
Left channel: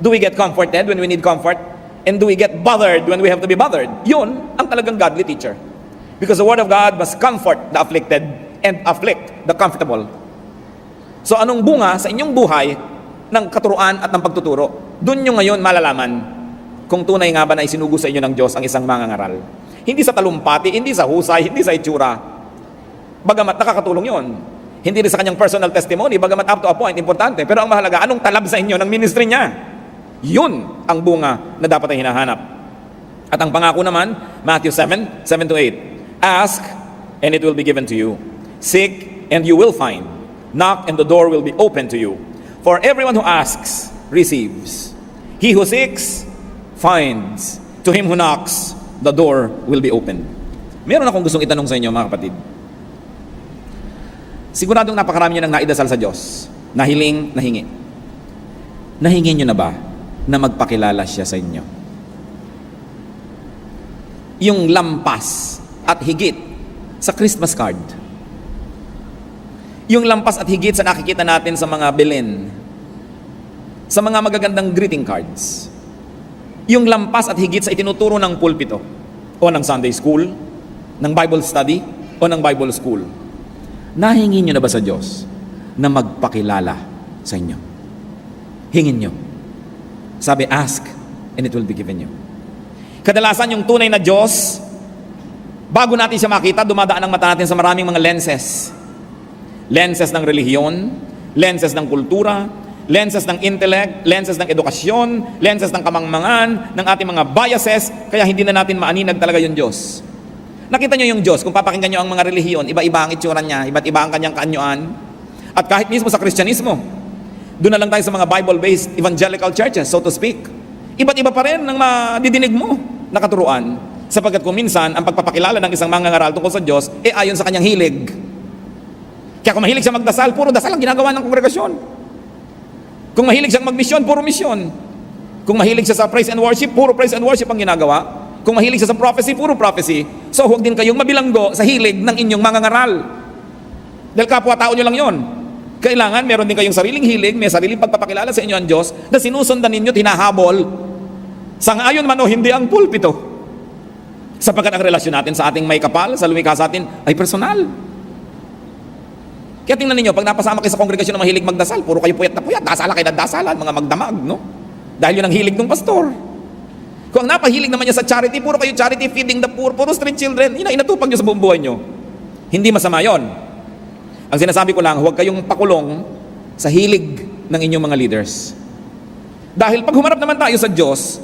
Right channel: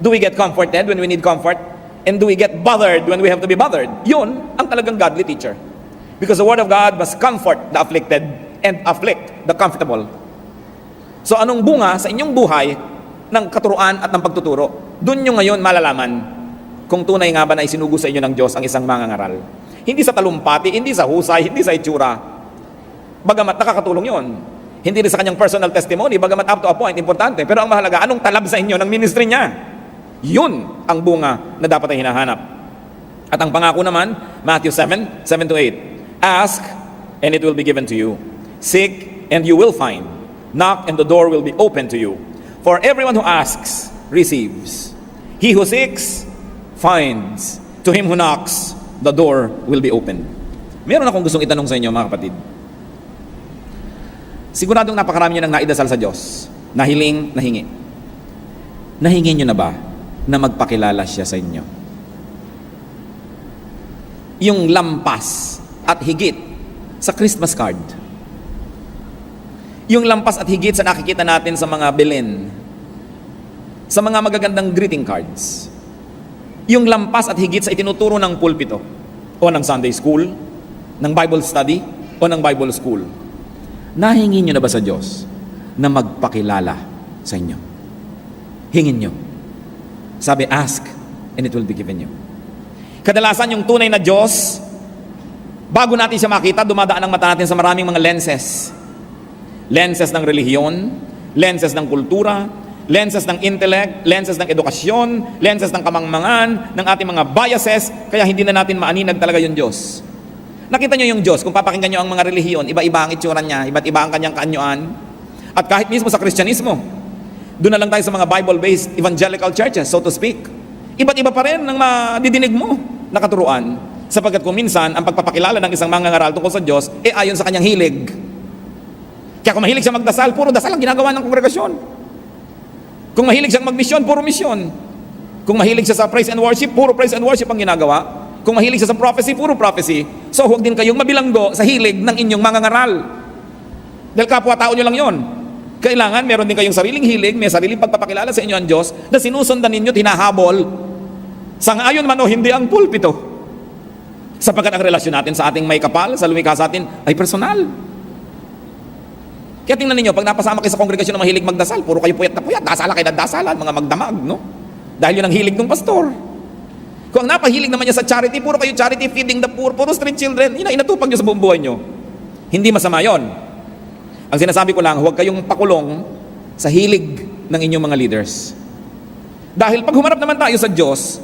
Do we get comforted when we need comfort? And do we get bothered when we have to be bothered? Yun ang talagang godly teacher. Because the Word of God must comfort the afflicted and afflict the comfortable. So anong bunga sa inyong buhay ng katuruan at ng pagtuturo? Doon nyo ngayon malalaman kung tunay nga ba na isinugo sa inyo ng Diyos ang isang mangangaral. Hindi sa talumpati, hindi sa husay, hindi sa itsura. Bagamat nakakatulong yun. Hindi rin sa kanyang personal testimony, bagamat up to a point, importante. Pero ang mahalaga, anong talab sa inyo ng ministry niya? Yun ang bunga na dapat ay hinahanap. At ang pangako naman, Matthew 7:7-8. Ask, and it will be given to you. Seek, and you will find. Knock, and the door will be open to you. For everyone who asks, receives. He who seeks, finds. To him who knocks, the door will be open. Meron akong gustong itanong sa inyo, mga kapatid. Siguradong napakarami nyo nang naidasal sa Diyos. Nahiling, nahingi. Nahingi nyo na ba na magpakilala siya sa inyo? Yung lampas at higit sa Christmas card. Yung lampas at higit sa nakikita natin sa mga bilin. Sa mga magagandang greeting cards. Yung lampas at higit sa itinuturo ng pulpito. O ng Sunday school, ng Bible study, o ng Bible school. Nahingi nyo na ba sa Diyos na magpakilala sa inyo? Hingin nyo. Sabi, ask, and it will be given you. Kadalasan yung tunay na Diyos, bago natin siya makita, dumadaan ang mata natin sa maraming mga lenses. Lenses ng relihiyon, lenses ng kultura, lenses ng intellect, lenses ng edukasyon, lenses ng kamangmangan, ng ating mga biases, kaya hindi na natin maaninag talaga yung Diyos. Nakita niyo yung Diyos, kung papakinggan niyo ang mga relihiyon, iba-iba ang itsura niya, iba't iba ang kanyang kaanyuan. At kahit mismo sa Kristyanismo, doon na lang tayo sa mga Bible-based evangelical churches, so to speak. Iba't iba pa rin ang madidinig mo na katuruan. Sapagkat kung minsan, ang pagpapakilala ng isang mangangaral tungkol sa Diyos, ayon sa kanyang hilig. Kaya kung mahilig siya magdasal, puro dasal ang ginagawa ng kongregasyon. Kung mahilig siyang magmisyon, puro misyon. Kung mahilig siya sa praise and worship, puro praise and worship ang ginagawa. Kung mahilig siya sa prophecy, puro prophecy. So huwag din kayong mabilanggo sa hilig ng inyong mangangaral. Dahil kapwa-tao nyo lang yun. Kailangan meron din kayong sariling hilig, may sariling pagpapakilala sa inyo ang Diyos na sinusundan ninyo, tinahabol. Sangayon man o hindi ang pulpito. Sapagkat ang relasyon natin sa ating may kapal, sa lumikha sa atin, ay personal. Kaya tingnan ninyo, pag napasama kayo sa kongregasyon na mahilig magdasal, puro kayo puyat na puyat, dasala kayo ng dasalan, mga magdamag, no? Dahil yun ang hilig ng pastor. Kung ang napahilig naman niya sa charity, puro kayo charity, feeding the poor, puro street children, inatupag niyo sa buong buhay niyo. Hindi masama yon. Ang sinasabi ko lang, huwag kayong pakulong sa hilig ng inyong mga leaders. Dahil pag humarap naman tayo sa Diyos,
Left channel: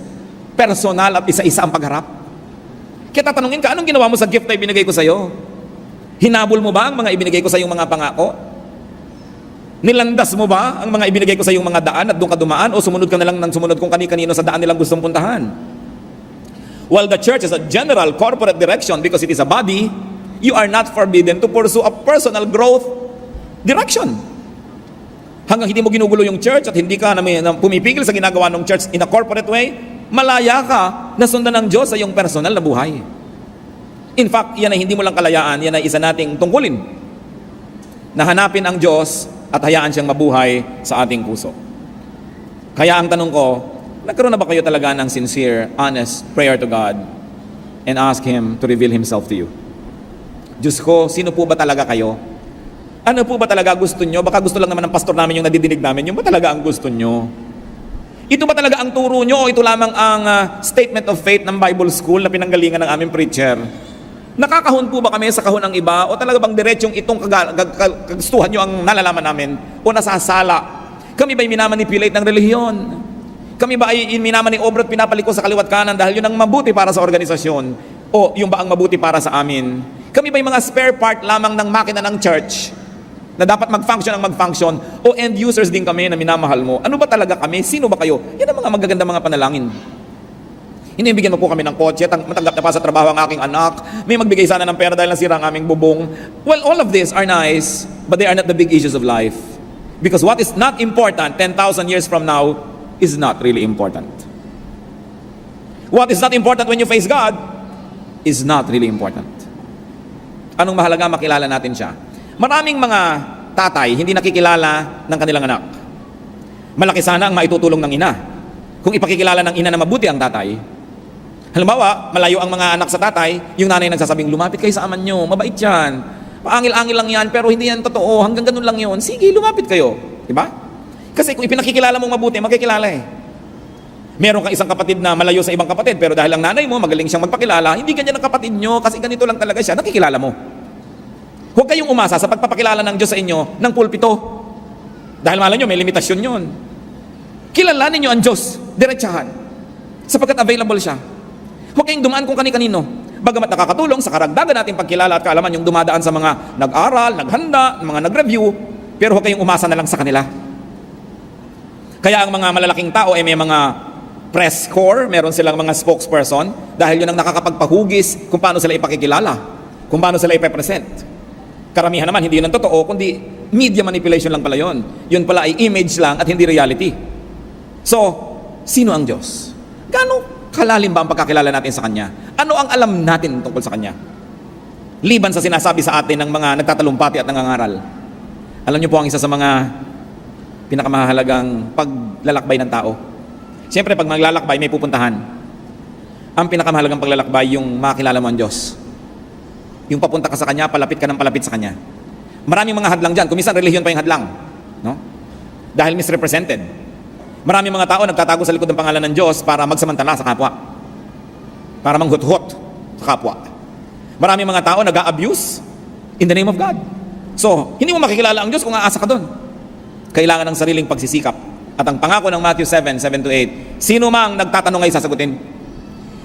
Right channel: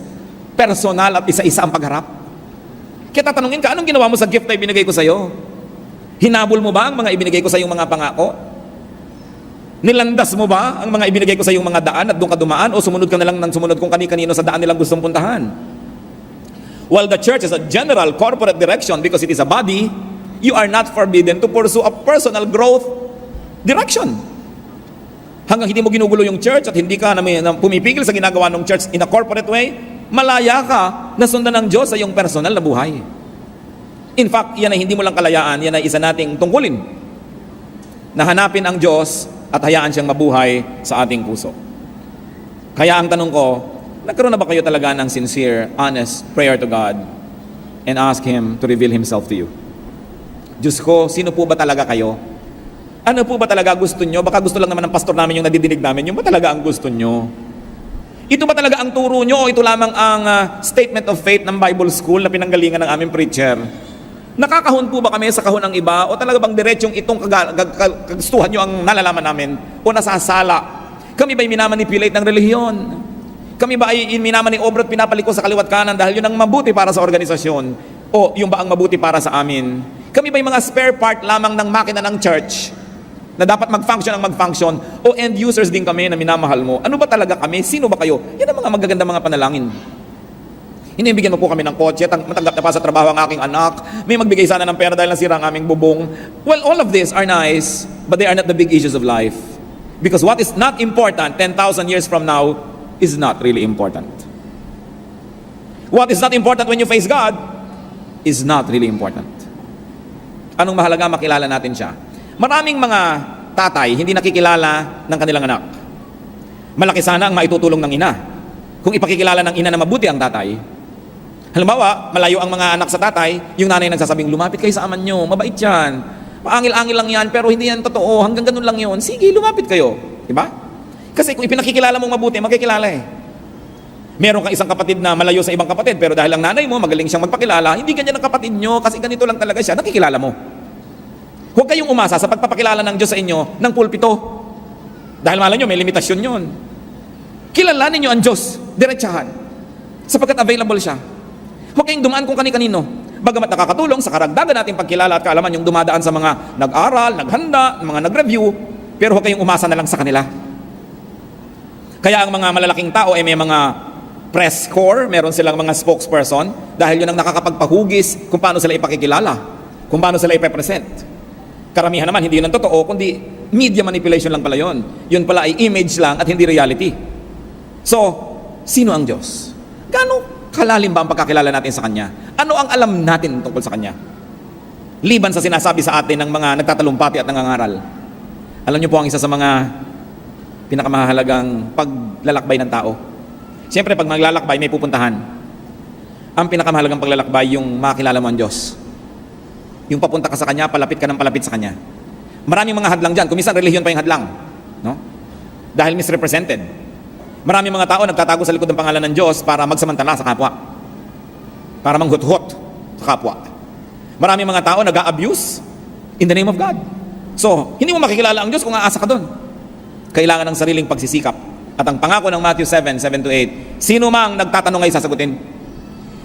personal at isa-isa ang pagharap. Kaya tatanungin ka, anong ginawa mo sa gift na ibinigay ko sa iyo? Hinabol mo ba ang mga ibinigay ko sa iyong mga pangako? Nilandas mo ba ang mga ibinigay ko sa iyong mga daan at doon ka dumaan? O sumunod ka na lang ng sumunod kung kani-kanino sa daan nilang gustong puntahan? While the church is a general corporate direction because it is a body, you are not forbidden to pursue a personal growth direction. Hanggang hindi mo ginugulo yung church at hindi ka na pumipigil sa ginagawa ng church in a corporate way, malaya ka na sundan ng Diyos sa iyong personal na buhay. In fact, yan ay hindi mo lang kalayaan, yan ay isa nating tungkulin. Na hanapin ang Diyos at hayaan siyang mabuhay sa ating puso. Kaya ang tanong ko, nagkaroon na ba kayo talaga ng sincere, honest prayer to God and ask Him to reveal Himself to you? Diyos ko, sino po ba talaga kayo? Ano po ba talaga gusto nyo? Baka gusto lang naman ng pastor namin yung nadidinig namin. Yung ba talaga ang gusto nyo? Ito ba talaga ang turo nyo? O ito lamang ang statement of faith ng Bible School na pinanggalingan ng aming preacher? Nakakahon po ba kami sa kahon ng iba? O talaga bang diretsong itong kagustuhan nyo ang nalalaman namin? O nasasala? Kami ba'y minamanipulate ng relihiyon? Kami ba ay minamaniobrot pinapalikon sa kaliwat kanan dahil yun ang mabuti para sa organisasyon? O yung ba ang mabuti para sa amin? Kami ba'y mga spare part lamang ng makina ng church na dapat mag-function ang mag-function? O end users din kami na minamahal mo? Ano ba talaga kami? Sino ba kayo? Yan ang mga magagandang mga panalangin. Inibigyan mo po kami ng kotse, matanggap na pa sa trabaho ang aking anak, may magbigay sana ng pera dahil nasira ang aming bubong. Well, all of these are nice, but they are not the big issues of life. Because what is not important 10,000 years from now is not really important. What is not important when you face God is not really important. Anong mahalaga? Makilala natin siya. Maraming mga tatay hindi nakikilala ng kanilang anak. Malaki sana ang maitutulong ng ina kung ipakikilala ng ina na mabuti ang tatay. Halimbawa, malayo ang mga anak sa tatay, yung nanay nagsasabing, lumapit kayo sa aman nyo, mabait yan. Angil-angil lang yan, pero hindi yan totoo, hanggang ganun lang yun. Sige, lumapit kayo. Diba? Kasi kung ipinakikilala mong mabuti, magkikilala eh. Meron kang isang kapatid na malayo sa ibang kapatid, pero dahil ang nanay mo, magaling siyang magpakilala, hindi ganyan ang kapatid nyo, kasi ganito lang talaga siya, nakikilala mo. Huwag kayong umasa sa pagpapakilala ng Diyos sa inyo ng pulpito. Dahil malay nyo, may limitasyon yun. Kilalanin nyo ang Diyos, diretsahan, sapagkat available siya. Huwag kayong dumaan kung kani-kanino. Bagamat nakakatulong sa karagdagan nating pagkilala at kaalaman yung dumadaan sa mga nag-aral, naghanda, mga nag-review, pero huwag kayong umasa na lang sa kanila. Kaya ang mga malalaking tao ay may mga press corps, meron silang mga spokesperson, dahil yun ang nakakapagpahugis kung paano sila ipakikilala, kung paano sila ipepresent. Karamihan naman, hindi yun ang totoo, kundi media manipulation lang pala yun. Yun pala ay image lang at hindi reality. So, sino ang Diyos? Gano'ng kalalim ba ang pagkakilala natin sa Kanya? Ano ang alam natin tungkol sa Kanya? Liban sa sinasabi sa atin ng mga nagtatalumpati at nangangaral. Alam niyo po ang isa sa mga pinakamahalagang paglalakbay ng tao. Siyempre, pag maglalakbay, may pupuntahan. Ang pinakamahalagang paglalakbay, yung makilala mo ang Diyos. Yung papunta ka sa Kanya, palapit ka ng palapit sa Kanya. Maraming mga hadlang dyan. Kumisang relihiyon pa yung hadlang. No? Dahil misrepresented. Maraming mga tao nagtatago sa likod ng pangalan ng Diyos para magsamantala sa kapwa. Para manghuthot sa kapwa. Maraming mga tao nag-a-abuse in the name of God. So, hindi mo makikilala ang Diyos kung aasa ka doon. Kailangan ng sariling pagsisikap. At ang pangako ng Matthew 7:7-8, sino mang nagtatanong ay sasagutin.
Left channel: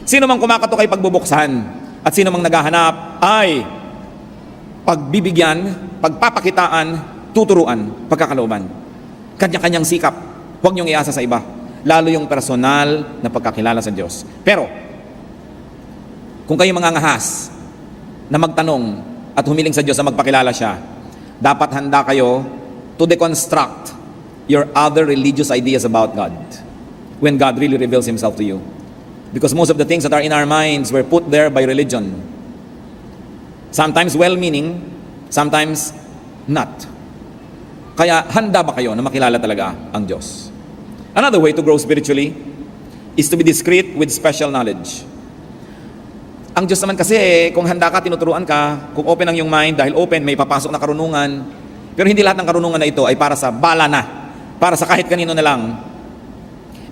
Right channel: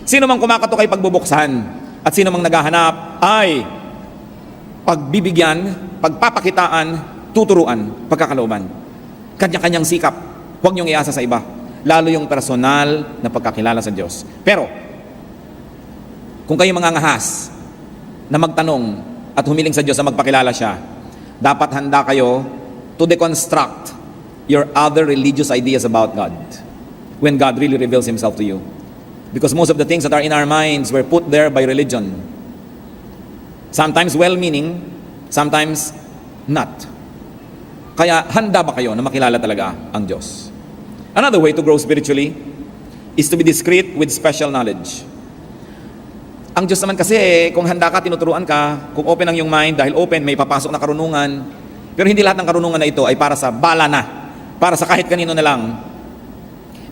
Sino mang kumakatok ay pagbubuksan. At sino mang naghahanap ay pagbibigyan, pagpapakitaan, tuturuan, pagkakalooban. Kanya-kanyang sikap. Huwag niyong iasa sa iba. Lalo yung personal na pagkakilala sa Diyos. Pero, kung kayo mangangahas na magtanong at humiling sa Diyos na magpakilala siya, dapat handa kayo to deconstruct your other religious ideas about God when God really reveals Himself to you. Because most of the things that are in our minds were put there by religion. Sometimes well-meaning, sometimes not. Kaya handa ba kayo na makilala talaga ang Diyos? Another way to grow spiritually is to be discreet with special knowledge. Ang Diyos naman kasi, kung handa ka, tinuturuan ka, kung open ang iyong mind, dahil open, may papasok na karunungan. Pero hindi lahat ng karunungan na ito ay para sa bala na, para sa kahit kanino na lang.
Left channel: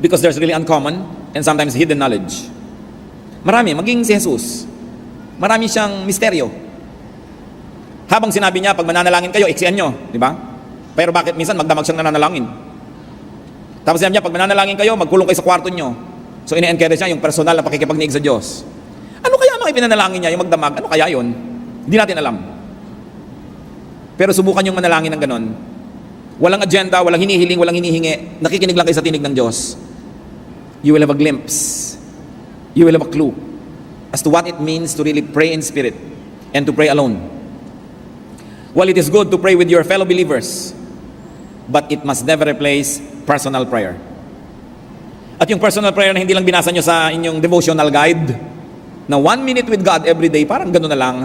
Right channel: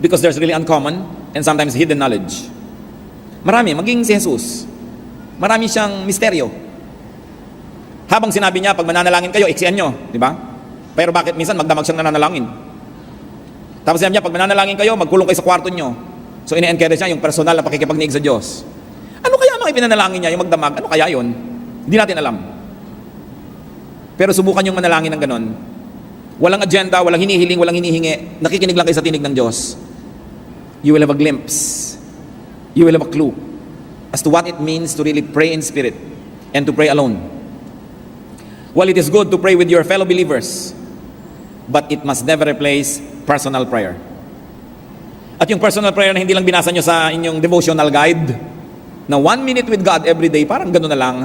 Because there's really uncommon and sometimes hidden knowledge. Marami, maging si Jesus. Marami siyang misteryo. Habang sinabi niya, pag mananalangin kayo, iksian nyo, di ba? Pero bakit minsan magdamag siyang nananalangin? Tapos sinabi niya, pag mananalangin kayo, magkulong kayo sa kwarto nyo. So ine-encourage niya yung personal na pakikipagniig sa Diyos. Ano kaya mga ipinanalangin niya, yung magdamag? Ano kaya yun? Hindi natin alam. Pero subukan yung manalangin ng ganon. Walang agenda, walang hinihiling, walang hinihingi. Nakikinig lang kayo sa tinig ng Diyos. You will have a glimpse. You will have a clue as to what it means to really pray in spirit and to pray alone. Well, it is good to pray with your fellow believers, but it must never replace personal prayer. At yung personal prayer na hindi lang binasa nyo sa inyong devotional guide, na 1 minute with God every day, parang gano'n na lang.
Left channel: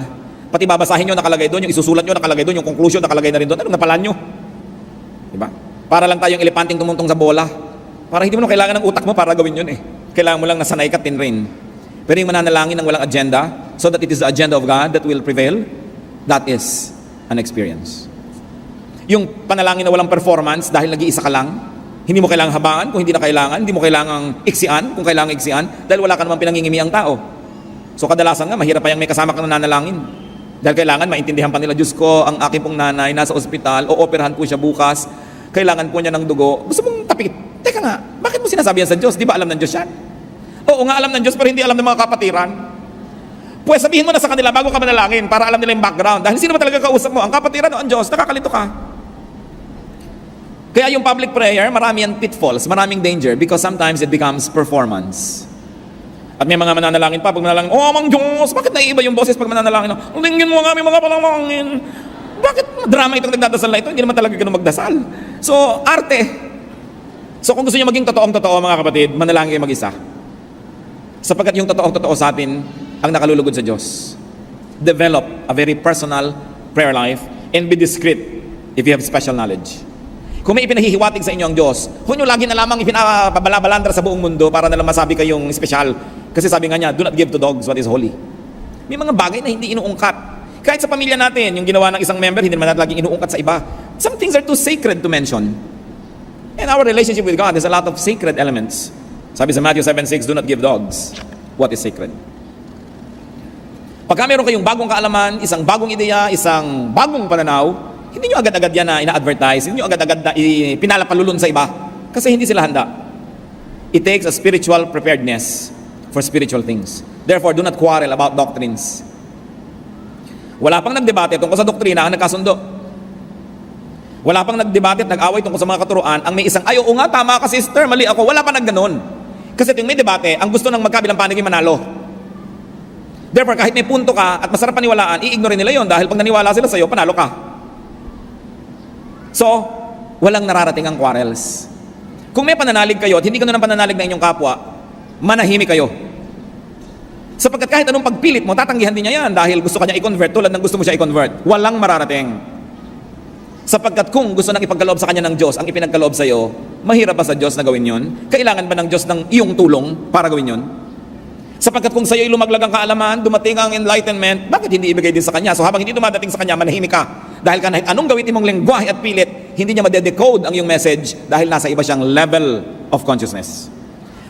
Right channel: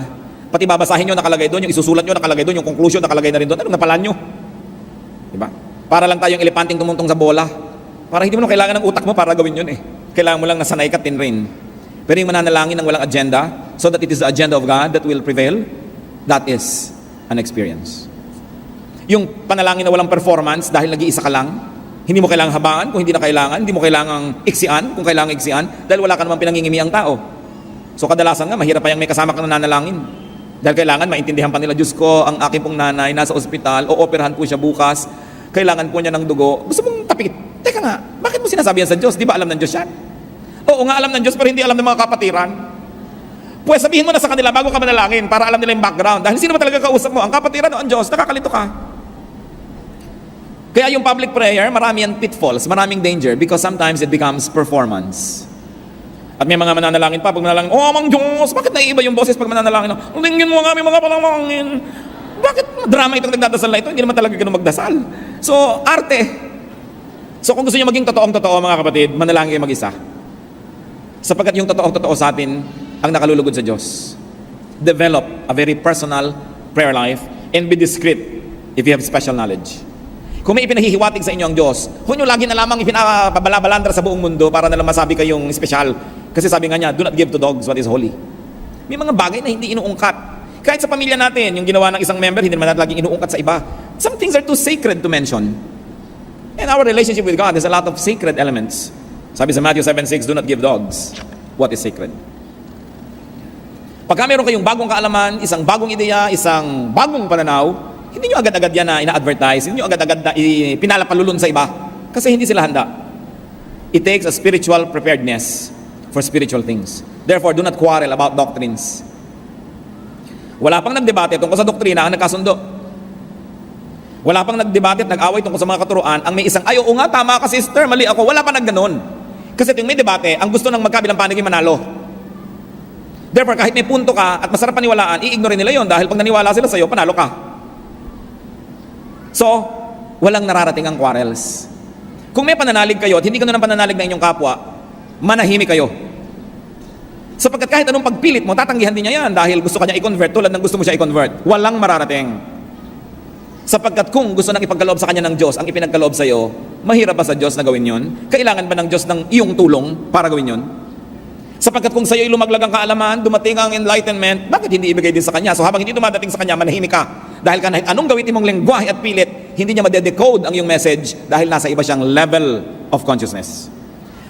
Pati babasahin nyo nakalagay doon, yung isusulat nyo nakalagay doon, yung conclusion nakalagay na rin doon. Anong napalan nyo? Diba? Para lang tayong elepanting tumuntong sa bola. Para hindi mo na kailangan ng utak mo para gawin yun eh. Kailangan mo lang nasanay ka tinrain. Pero yung mananalangin ng walang agenda, so that it is the agenda of God that will prevail, that is an experience. Yung panalangin na walang performance dahil nag-iisa ka lang, hindi mo kailangang habaan kung hindi na kailangan, hindi mo kailangang iksian kung kailangang iksian, dahil wala ka naman pinangingimi ang tao. So kadalasan nga, mahirap pa yung may kasama kang nananalangin. Dahil kailangan maintindihan pa nila, Diyos ko, ang aking pong nanay nasa ospital, o-operahan po siya bukas, kailangan po niya ng dugo. Gusto kong tapit. Teka nga, bakit mo sinasabi yan sa Diyos? Di ba alam ng Diyos yan? Oo nga, alam ng Diyos, pero hindi alam ng mga kapatiran. Pues sabihin mo na sa kanila bago ka manalangin para alam nila yung background. Dahil sino ba talaga kausap mo? Ang kapatiran o ang Diyos? Nakakalito ka. Kaya yung public prayer, marami yan pitfalls, maraming danger because sometimes it becomes performance. At may mga mananalangin pa, pag manalangin, oh, Mang Diyos, bakit naiiba yung boses pag mananalangin? Ulingin mo kami mga panalangin. Bakit drama itong nagdadasal na ito? Hindi naman talaga ganun magdasal. So, arte. So, kung gusto niyo maging totoong-totoo mga kapatid, manalangin kayo mag-isa. Sapagkat yung totoong-totoo sa atin ang nakalulugod sa Diyos. Develop a very personal prayer life and be discreet if you have special knowledge. Kung may ipinahihiwatig sa inyo ang Diyos, huwag nyo lagi na lamang ipinababalantra sa buong mundo para na lang masabi kayong special. Kasi sabi nga niya, do not give to dogs what is holy. May mga bagay na hindi inuungkat. Kahit sa pamilya natin, yung ginawa ng isang member, hindi naman natin lagi inuungkat sa iba. Some things are too sacred to mention. And our relationship with God has a lot of sacred elements. Sabi sa Matthew 7:6, do not give dogs what is sacred. Pagka meron kayong bagong kaalaman, isang bagong ideya, isang bagong pananaw, hindi nyo agad-agad yan na ina-advertise, hindi nyo agad-agad na pinalapalulun sa iba. Kasi hindi sila handa. It takes a spiritual preparedness for spiritual things. Therefore, do not quarrel about doctrines. Wala pang nagdebate tungkol sa doktrina ang nagkasundo. Wala pang nagdebate at nag-away tungkol sa mga katuruan ang may isang, ay, oo nga, tama ka sister, mali ako. Wala pa nagganon. Kasi tuwing may debate, ang gusto ng magkabilang panig yung manalo. Therefore, kahit may punto ka at masarap paniwalaan, i-ignore nila yon dahil pag naniwala sila sa'yo, panalo ka. So, walang nararating ang quarrels. Kung may pananalig kayo at hindi ka na ng pananalig ng inyong kapwa, manahimik kayo. Sapagkat kahit anong pagpilit mo, tatanggihan din niya yan dahil gusto ka niya i-convert tulad ng gusto mo siya i-convert. Walang mararating. Sapagkat kung gusto nang ipagkaloob sa kanya ng Diyos ang ipinagkaloob sa iyo, mahirap ba sa Diyos na gawin yon? Kailangan ba ng Diyos ng iyong tulong para gawin yon? Sapagkat kung sa iyo ay lumaglag ang kaalaman, dumating ang enlightenment, bakit hindi ibigay din sa kanya? So habang hindi dumadating sa kanya, manahimik ka. Dahil kahit anong gawin mong lengguwahe at pilit, hindi niya madedecode ang iyong message dahil nasa iba siyang level of consciousness.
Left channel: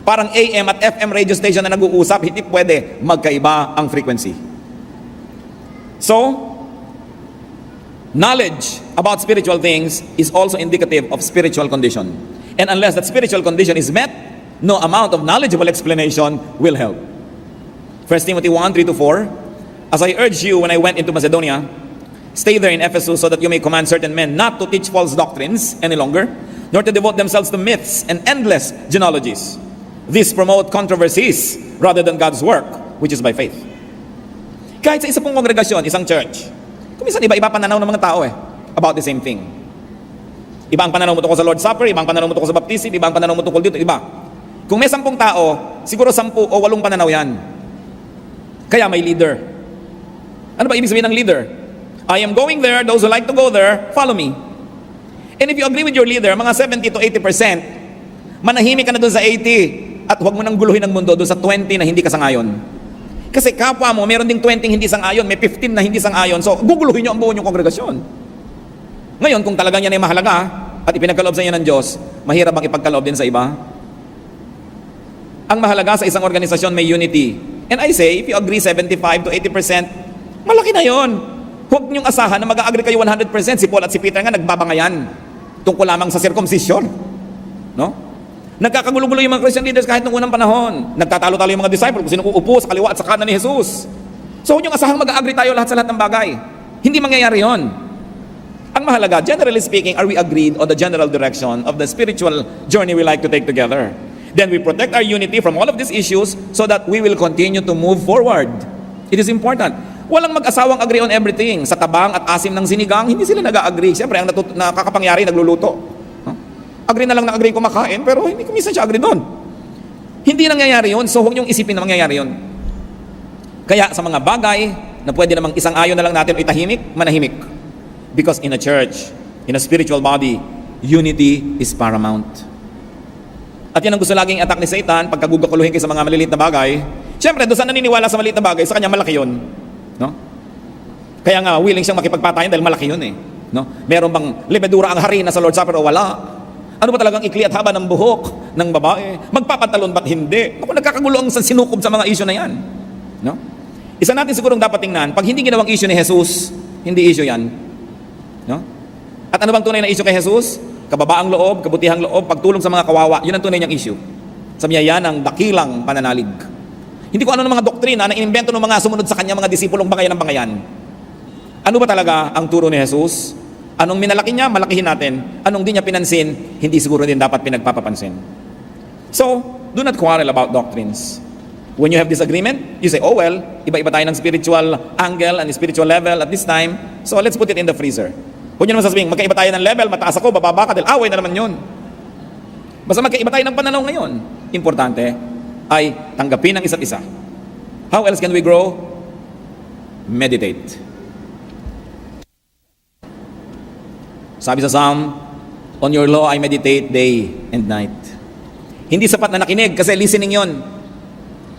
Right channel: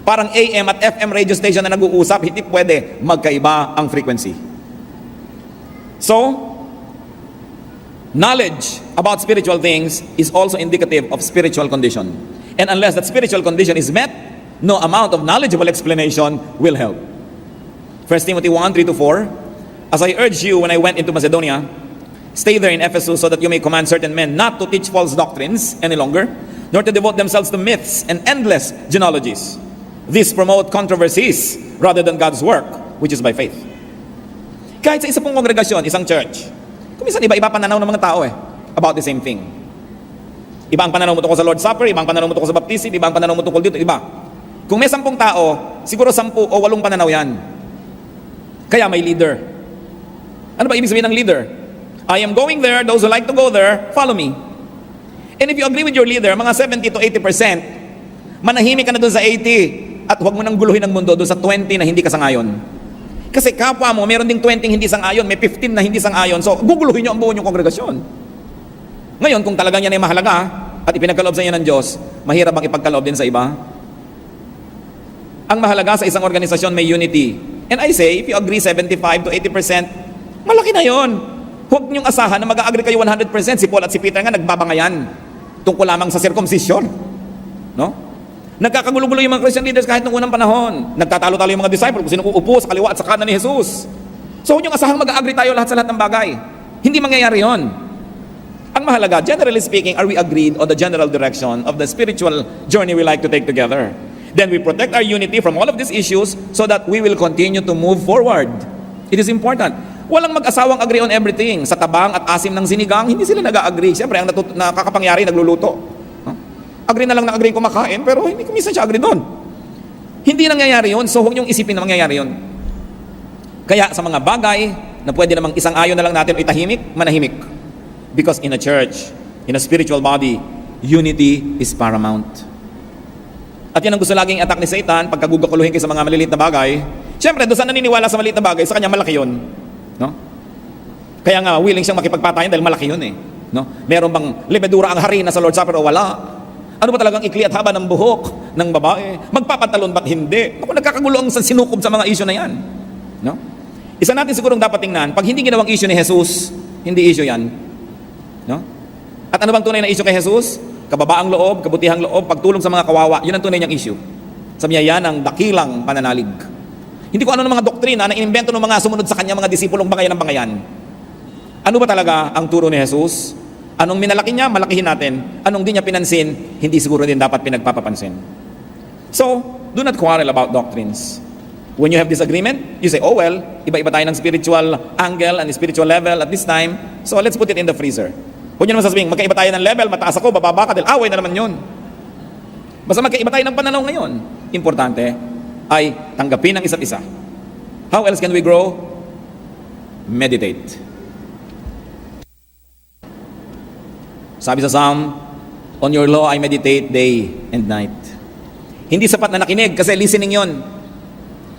Parang AM at FM radio station na nag-uusap, hindi pwede magkaiba ang frequency. So, knowledge about spiritual things is also indicative of spiritual condition. And unless that spiritual condition is met, no amount of knowledgeable explanation will help. 1 Timothy 1:3-4, as I urged you when I went into Macedonia, stay there in Ephesus so that you may command certain men not to teach false doctrines any longer, nor to devote themselves to myths and endless genealogies. These promote controversies rather than God's work, which is by faith. Kahit sa isa pong kongregasyon, isang church, minsan iba-iba pananaw ng mga tao about the same thing. Iba ang pananaw mo tungkol sa Lord's Supper, iba ang pananaw mo tungkol sa baptism, iba ang pananaw mo tungkol dito, iba. Kung may 10 tao, siguro 10 o 8 pananaw yan. Kaya may leader. Ano ba ibig sabihin ng leader? I am going there, those who like to go there, follow me. And if you agree with your leader, mga 70 to 80%, manahimik ka na doon sa 80 at huwag mo nang guluhin ang mundo doon sa 20 na hindi ka sangayon. Kasi kapwa mo, meron ding 20 hindi sang-ayon, may 15 na hindi sang-ayon, so guguluhin nyo ang buo yung kongregasyon. Ngayon, kung talagang yan ay mahalaga at ipinagkaloob sa inyo ng Diyos, mahirap bang ipagkaloob din sa iba? Ang mahalaga sa isang organisasyon may unity. And I say, if you agree 75 to 80%, malaki na yun. Huwag niyong asahan na mag-agree kayo 100%. Si Paul at si Peter nga nagbabangayan tungkol lamang sa circumcision. Nagkakagulo-gulo yung mga Christian leaders kahit noong unang panahon. Nagtatalo-talo yung mga disciples kung sino uupo sa kaliwa at sa kanan ni Jesus. So huwag niyong asahang mag-agree tayo lahat sa lahat ng bagay. Hindi mangyayari yon. Ang mahalaga, generally speaking, are we agreed on the general direction of the spiritual journey we like to take together? Then we protect our unity from all of these issues so that we will continue to move forward. It is important. Walang mag-asawang agree on everything. Sa tabang at asim ng sinigang, hindi sila nag-agree. Siyempre, ang nakakapangyari, nagluluto. Agree na lang na agree kumakain, pero hindi kumisan siya agree doon. Hindi nangyayari yun, so huwag niyong isipin na mangyayari yun. Kaya sa mga bagay na pwede namang isang ayon na lang natin itahimik, manahimik. Because in a church, in a spiritual body, unity is paramount. At yun ang gusto laging attack ni Satan pagkagugukuluhin sa mga maliliit na bagay. Siyempre, doon sa naniniwala sa maliit na bagay, sa kanya malaki yun. No? Kaya nga, willing siyang makipagpatayan dahil malaki yun eh. No? Meron bang libedura ang harina sa Lord's Supper o wala? Ano ba talagang ikli at haba ng buhok ng babae? Magpapantalon ba't hindi? Ako nagkakagulong sa sinukob sa mga isyo na yan. No? Isa natin siguro dapat tingnan, pag hindi ginawang isyo ni Jesus, hindi isyo yan. No? At ano bang tunay na isyo kay Jesus? Kababaang loob, kabutihang loob, pagtulong sa mga kawawa. Yun ang tunay niyang issue. Sabi niya, yan ang dakilang pananalig. Hindi ko ano ng mga doktrina na inimbento ng mga sumunod sa kanya, mga disipulong bangayan ng bangayan. Ano ba talaga ang turo ni Jesus? Anong minalaki niya, malakihin natin. Anong di niya pinansin, hindi siguro din dapat pinagpapapansin. So, do not quarrel about doctrines. When you have disagreement, you say, oh well, iba-iba tayo ng spiritual angle and spiritual level at this time, so let's put it in the freezer. Huwag niyo naman sasabihin, magkaiba tayo ng level, mataas ako, bababa ka, dahil away na naman yun. Basta magkaiba tayo ng pananaw ngayon. Importante ay tanggapin ang isa't isa. How else can we grow? Meditate. Sabi sa Psalm, on your law I meditate day and night. Hindi sapat na nakinig kasi listening yun.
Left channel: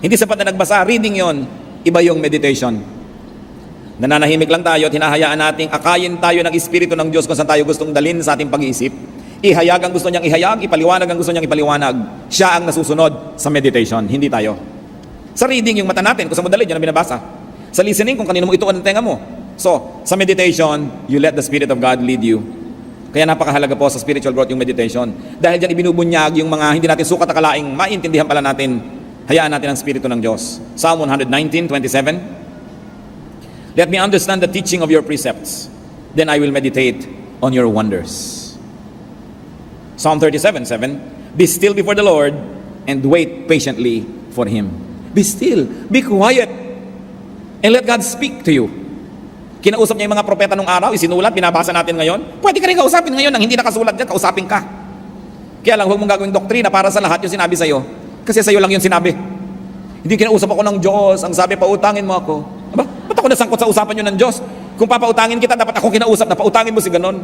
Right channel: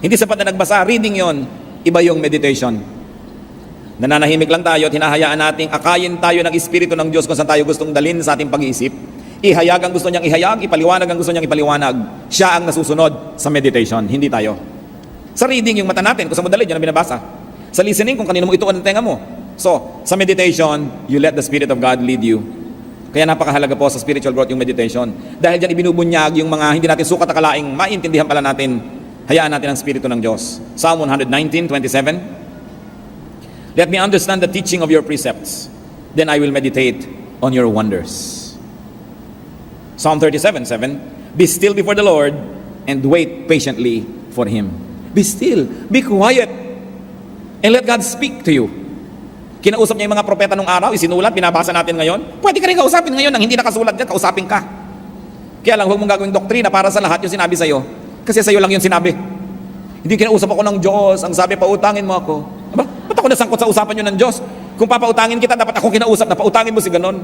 Hindi sapat na nagbasa, reading yun. Iba yung meditation. Nananahimik lang tayo at hinahayaan nating akayin tayo ng Espiritu ng Diyos kung saan tayo gustong dalhin sa ating pag-iisip. Ihayag ang gusto niyang ihayag, ipaliwanag ang gusto niyang ipaliwanag. Siya ang nasusunod sa meditation, hindi tayo. Sa reading, yung mata natin, kung saan mo dalhin, yan ang binabasa. Sa listening, kung kanino mo ituon ang tenga mo. So, sa meditation, you let the Spirit of God lead you. Kaya napakahalaga po sa spiritual growth yung meditation. Dahil diyan ibinubunyag yung mga hindi natin sukat akalaing maintindihan pala natin, hayaan natin ang Espiritu ng Diyos. Psalm 119:27. Let me understand the teaching of your precepts. Then I will meditate on your wonders. Psalm 37:7. Be still before the Lord and wait patiently for Him. Be still. Be quiet. And let God speak to you. Kinausap niya yung mga propeta nung araw, isinulat, binabasa natin ngayon. Pwede ka rin kausapin ngayon nang hindi nakasulat dyan, kausapin ka. Kaya lang, huwag mong gagawin doktrina para sa lahat yung sinabi sa'yo. Kasi sa'yo lang yung sinabi. Hindi kinausap ako ng Diyos. Ang sabi, pautangin mo ako. Aba, ba't ako nasangkot sa usapan nyo ng Diyos? Kung papautangin kita, dapat ako kinausap na pautangin mo si ganun.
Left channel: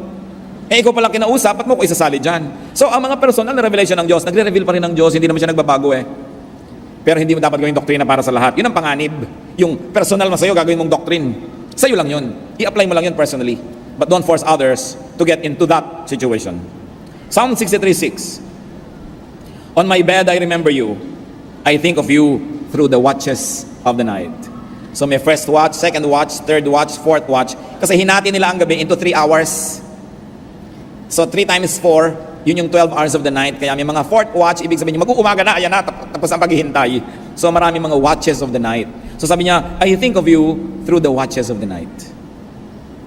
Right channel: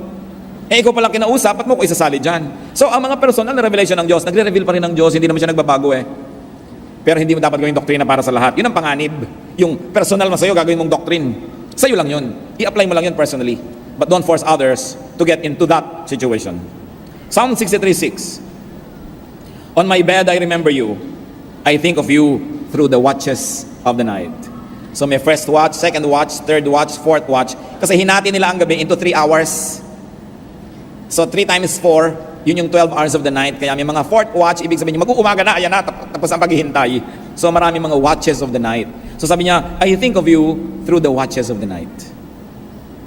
Eh, ikaw palang kinausap, ba't mo ko isasali dyan? So, ang mga personal na revelation ng Diyos, nagre-reveal pa rin ng Diyos, hindi naman siya nagbabago eh. Pero hindi mo dapat gawing doktrina para sa lahat. Yun ang panganib. Yung personal na sa'yo, gagawin mong doctrine. Sa'yo lang yun. I-apply mo lang yun personally. But don't force others to get into that situation. Psalm 63:6. On my bed I remember you. I think of you through the watches of the night. So may first watch, second watch, third watch, fourth watch. Kasi hinati nila ang gabi into 3 hours. So 3 times 4, yun yung 12 hours of the night. Kaya may mga fourth watch, ibig sabihin mag-uumaga na, ayan na, tapos ang paghihintay. So marami mga watches of the night. So sabi niya, I think of you through the watches of the night.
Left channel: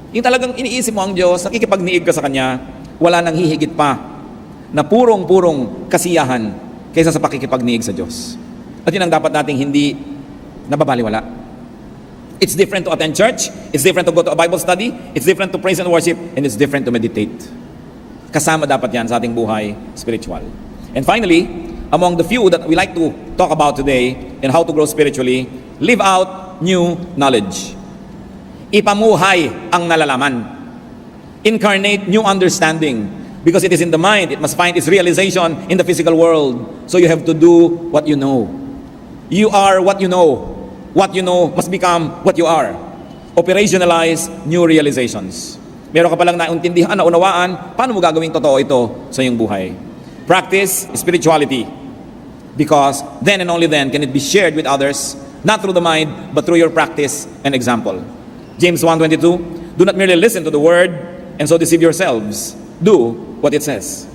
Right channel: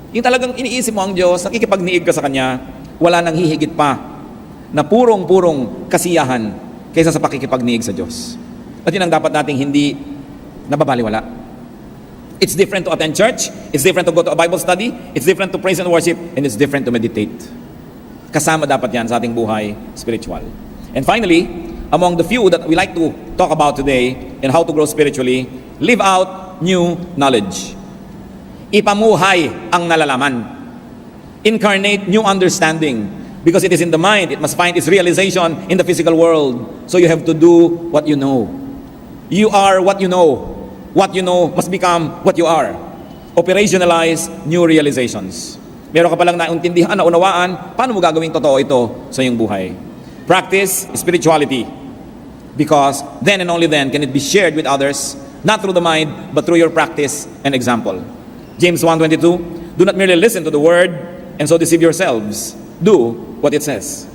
Yung talagang iniisip mo ang Diyos, nakikipagniig ka sa Kanya, wala nang hihigit pa na purong-purong kasiyahan kaysa sa pakikipagniig sa Diyos. At yun ang dapat nating hindi nababaliwala. It's different to attend church, it's different to go to a Bible study, it's different to praise and worship, and it's different to meditate. Kasama dapat yan sa ating buhay spiritual. And finally, among the few that we like to talk about today and how to grow spiritually, live out new knowledge. Ipamuhay ang nalalaman. Incarnate new understanding. Because it is in the mind, it must find its realization in the physical world. So you have to do what you know. You are what you know. What you know must become what you are. Operationalize new realizations. Meron ka palang naintindihan, naunawaan, paano mo gagawing totoo ito sa iyong buhay? Practice spirituality. Because then and only then can it be shared with others not through the mind, but through your practice and example. James 1:22, do not merely listen to the word and so deceive yourselves. Do what it says.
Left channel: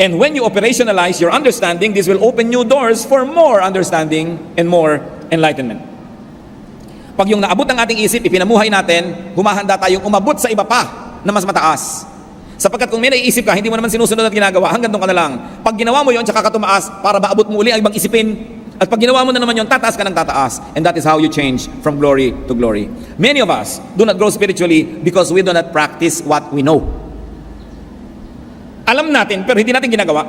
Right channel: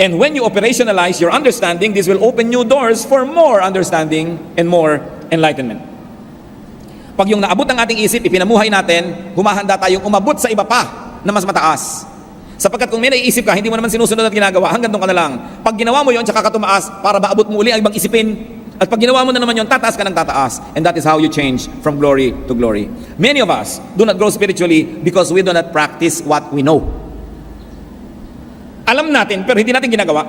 And when you operationalize your understanding, this will open new doors for more understanding and more enlightenment. Pag yung naabot ng ating isip, ipinamuhay natin, humahanda tayong umabot sa iba pa na mas mataas. Sapagkat kung may naiisip ka, hindi mo naman sinusunod ang ginagawa hanggat nung ka na lang. Pag ginawa mo yun, tsaka ka tumaas para maabot mo uli ay ibang isipin. At pag ginawa mo na naman yun, tataas ka ng tataas. And that is how you change from glory to glory. Many of us do not grow spiritually because we do not practice what we know. Alam natin, pero hindi natin ginagawa.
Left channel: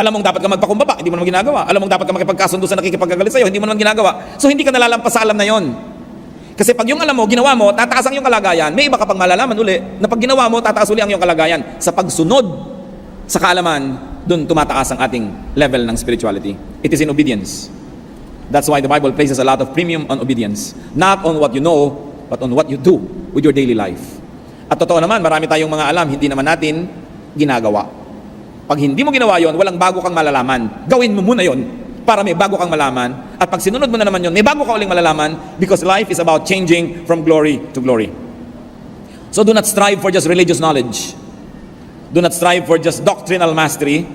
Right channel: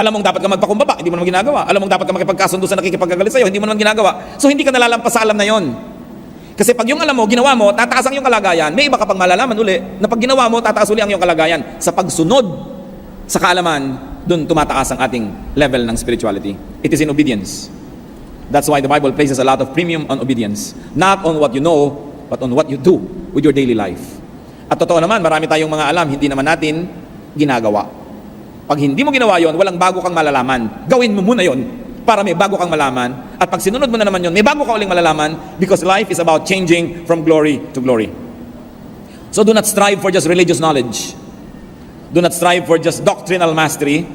Alam mong dapat ka magpakumbaba, hindi mo naman ginagawa. Alam mong dapat ka makipagkasundo sa nakikipagkagalit sa'yo, hindi mo naman ginagawa. So hindi ka nalalampas sa alam na yon. Kasi pag yung alam mo, ginawa mo, tataas ang iyong kalagayan. May iba ka pang malalaman uli na pag ginawa mo, tataas uli ang iyong kalagayan. Sa pagsunod sa kaalaman, doon tumataas ang ating level ng spirituality. It is in obedience. That's why the Bible places a lot of premium on obedience. Not on what you know, but on what you do with your daily life. At totoo naman, marami tayong mga alam, hindi naman natin ginagawa. Pag hindi mo ginawa yon, walang bago kang malalaman. Gawin mo muna yon para may bago kang malaman. At pag sinunod mo na naman yon, may bago kang uling malalaman because life is about changing from glory to glory. So do not strive for just religious knowledge. Do not strive for just doctrinal mastery.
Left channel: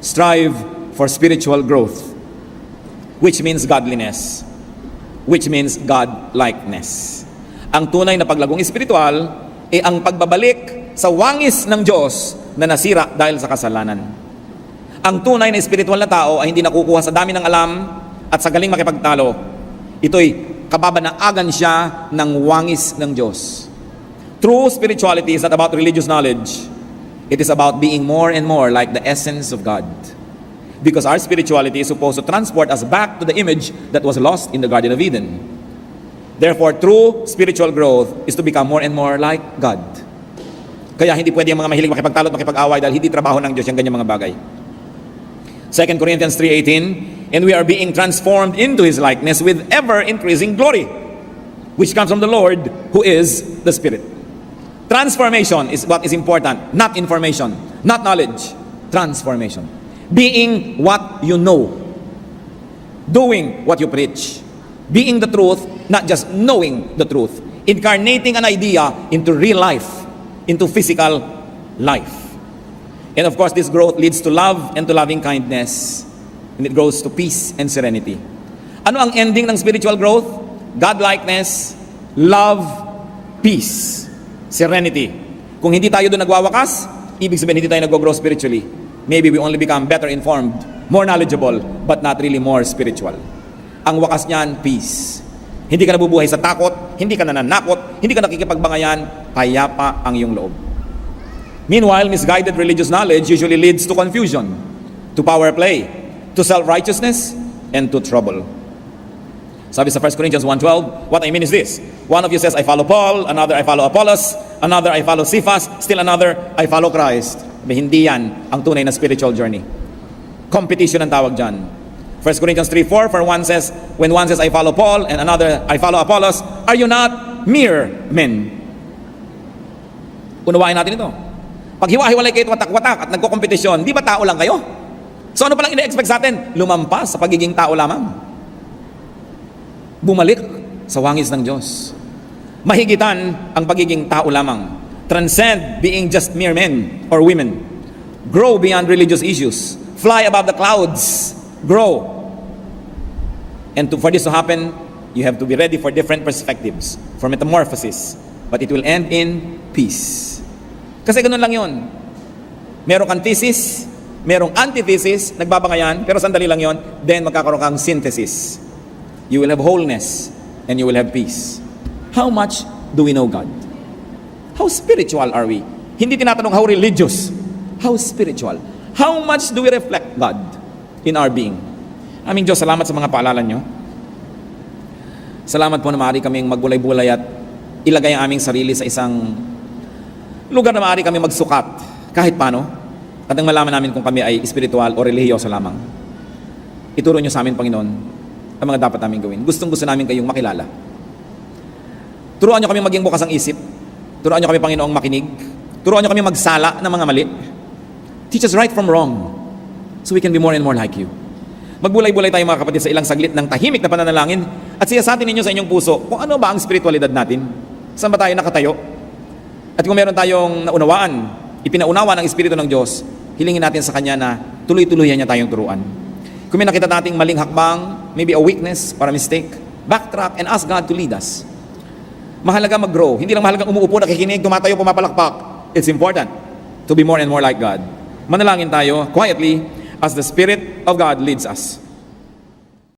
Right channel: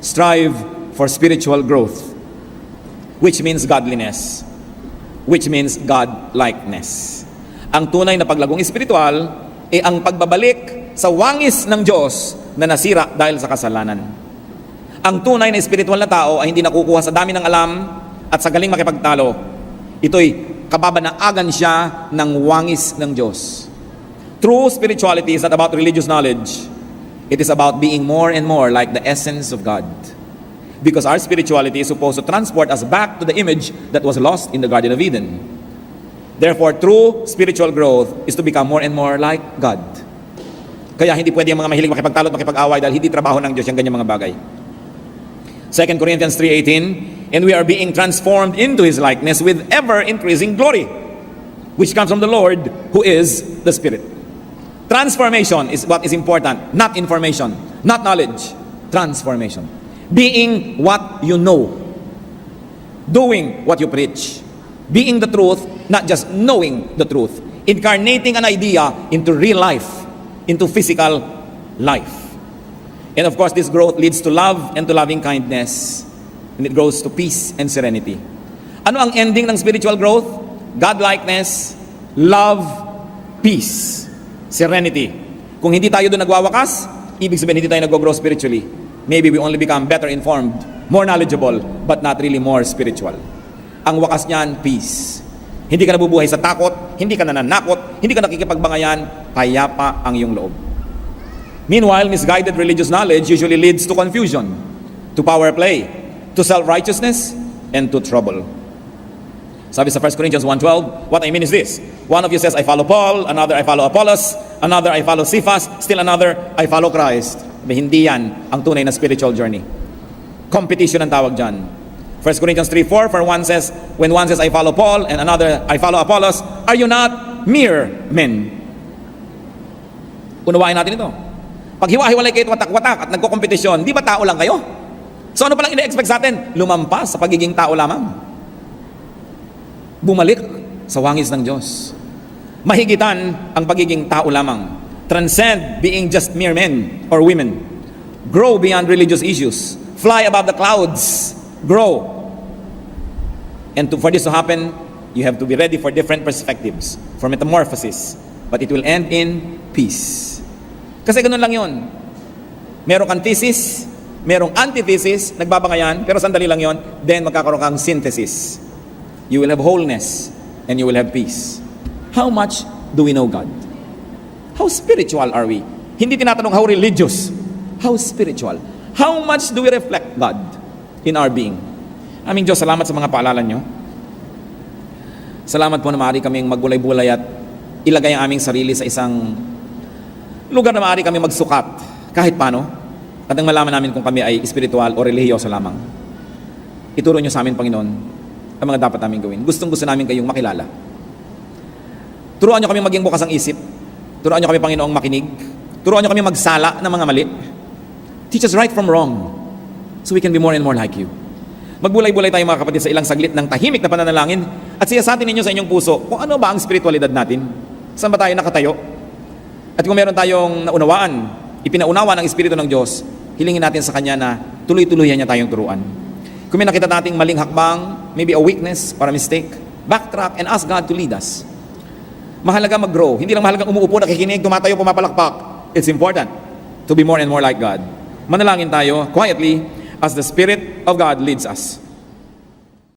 Strive for spiritual growth, which means godliness, which means godlikeness. Ang tunay na paglagong espiritual ay ang pagbabalik sa wangis ng Diyos na nasira dahil sa kasalanan. Ang tunay na spiritual na tao ay hindi nakukuha sa dami ng alam at sa galing makipagtalo. Ito'y kababanagan siya ng wangis ng Diyos. True spirituality is not about religious knowledge. It is about being more and more like the essence of God. Because our spirituality is supposed to transport us back to the image that was lost in the Garden of Eden. Therefore, true spiritual growth is to become more and more like God. Kaya hindi pwede ang mga mahilig makipagtalo at makipag-away dahil hindi trabaho ng Diyos yung ganyang mga bagay. 2 Corinthians 3:18, and we are being transformed into His likeness with ever-increasing glory, which comes from the Lord, who is the Spirit. Transformation is what is important, not information, not knowledge. Transformation. Being what you know. Doing what you preach. Being the truth, not just knowing the truth. Incarnating an idea into real life, into physical life. And of course, this growth leads to love and to loving kindness. And it grows to peace and serenity. Ano ang ending ng spiritual growth? Godlikeness, love, peace, serenity. Kung hindi tayo doon nagwawakas, ibig sabihin hindi tayo nag-grow spiritually. Maybe we only become better informed, more knowledgeable, but not really more spiritual. Ang wakas niyan, peace. Hindi ka nabubuhay sa takot, hindi ka nananakot, hindi ka nakikipagbangayan, payapa ang iyong loob. Meanwhile, misguided religious knowledge usually leads to confusion, to power play, to self-righteousness, and to trouble. Sabi sa 1 Corinthians 1:12, what I mean is this. One of you says, I follow Paul, another I follow Apollos, another I follow Cephas, still another I follow Christ. Sabi, hindi yan ang tunay na spiritual journey. Competition ang tawag dyan. 1 Corinthians 3:4, for one says, when one says, I follow Paul, and another I follow Apollos, are you not mere men? Unawain natin ito. Pag hiwa-hiwalay kayo watak-watak at nagko-kompetisyon, di ba tao lang kayo? So ano palang ina-expect sa atin? Lumampas sa pagiging tao lamang. Bumalik sa wangis ng Diyos. Mahigitan ang pagiging tao lamang. Transcend being just mere men or women. Grow beyond religious issues. Fly above the clouds. Grow. And for this to happen, you have to be ready for different perspectives, for metamorphosis. But it will end in peace. Kasi ganun lang yun. Merong kang thesis, merong antithesis, nagbabangayan, pero sandali lang yun, then magkakaroon kang synthesis. You will have wholeness, and you will have peace. How much do we know God? How spiritual are we? Hindi tinatanong how religious. How spiritual? How much do we reflect God in our being? Aming Diyos, salamat sa mga paalala nyo. Salamat po na maaari kaming magbulay-bulay at ilagay ang aming sarili sa isang lugar na maaari kami magsukat kahit paano. At ang malaman namin kung kami ay spiritual o relihiyoso lamang. Ituro nyo sa amin, Panginoon, ang mga dapat namin gawin. Gustong-gusto namin kayong makilala. Turuan nyo kami maging bukas ang isip. Turuan nyo kami, Panginoong, makinig. Turuan nyo kami magsala ng mga mali. Teach us right from wrong so we can be more and more like you. Magbulay-bulay tayo mga kapatid sa ilang saglit ng tahimik na pananalangin at siyasatin ninyo sa inyong puso kung ano ba ang spiritualidad natin. Saan ba tayo nakatayo? At kung meron tayong naunawaan, ipinaunawa ng Espiritu ng Diyos, hilingin natin sa Kanya na tuloy-tuluyan niya tayong turuan. Kung may nakita nating maling hakbang, maybe a weakness or a mistake, backtrack and ask God to lead us. Mahalaga mag-grow. Hindi lang mahalaga umuupo, nakikinig, tumatayo, pumapalakpak. It's important to be more and more like God. Manalangin tayo quietly as the Spirit of God leads us.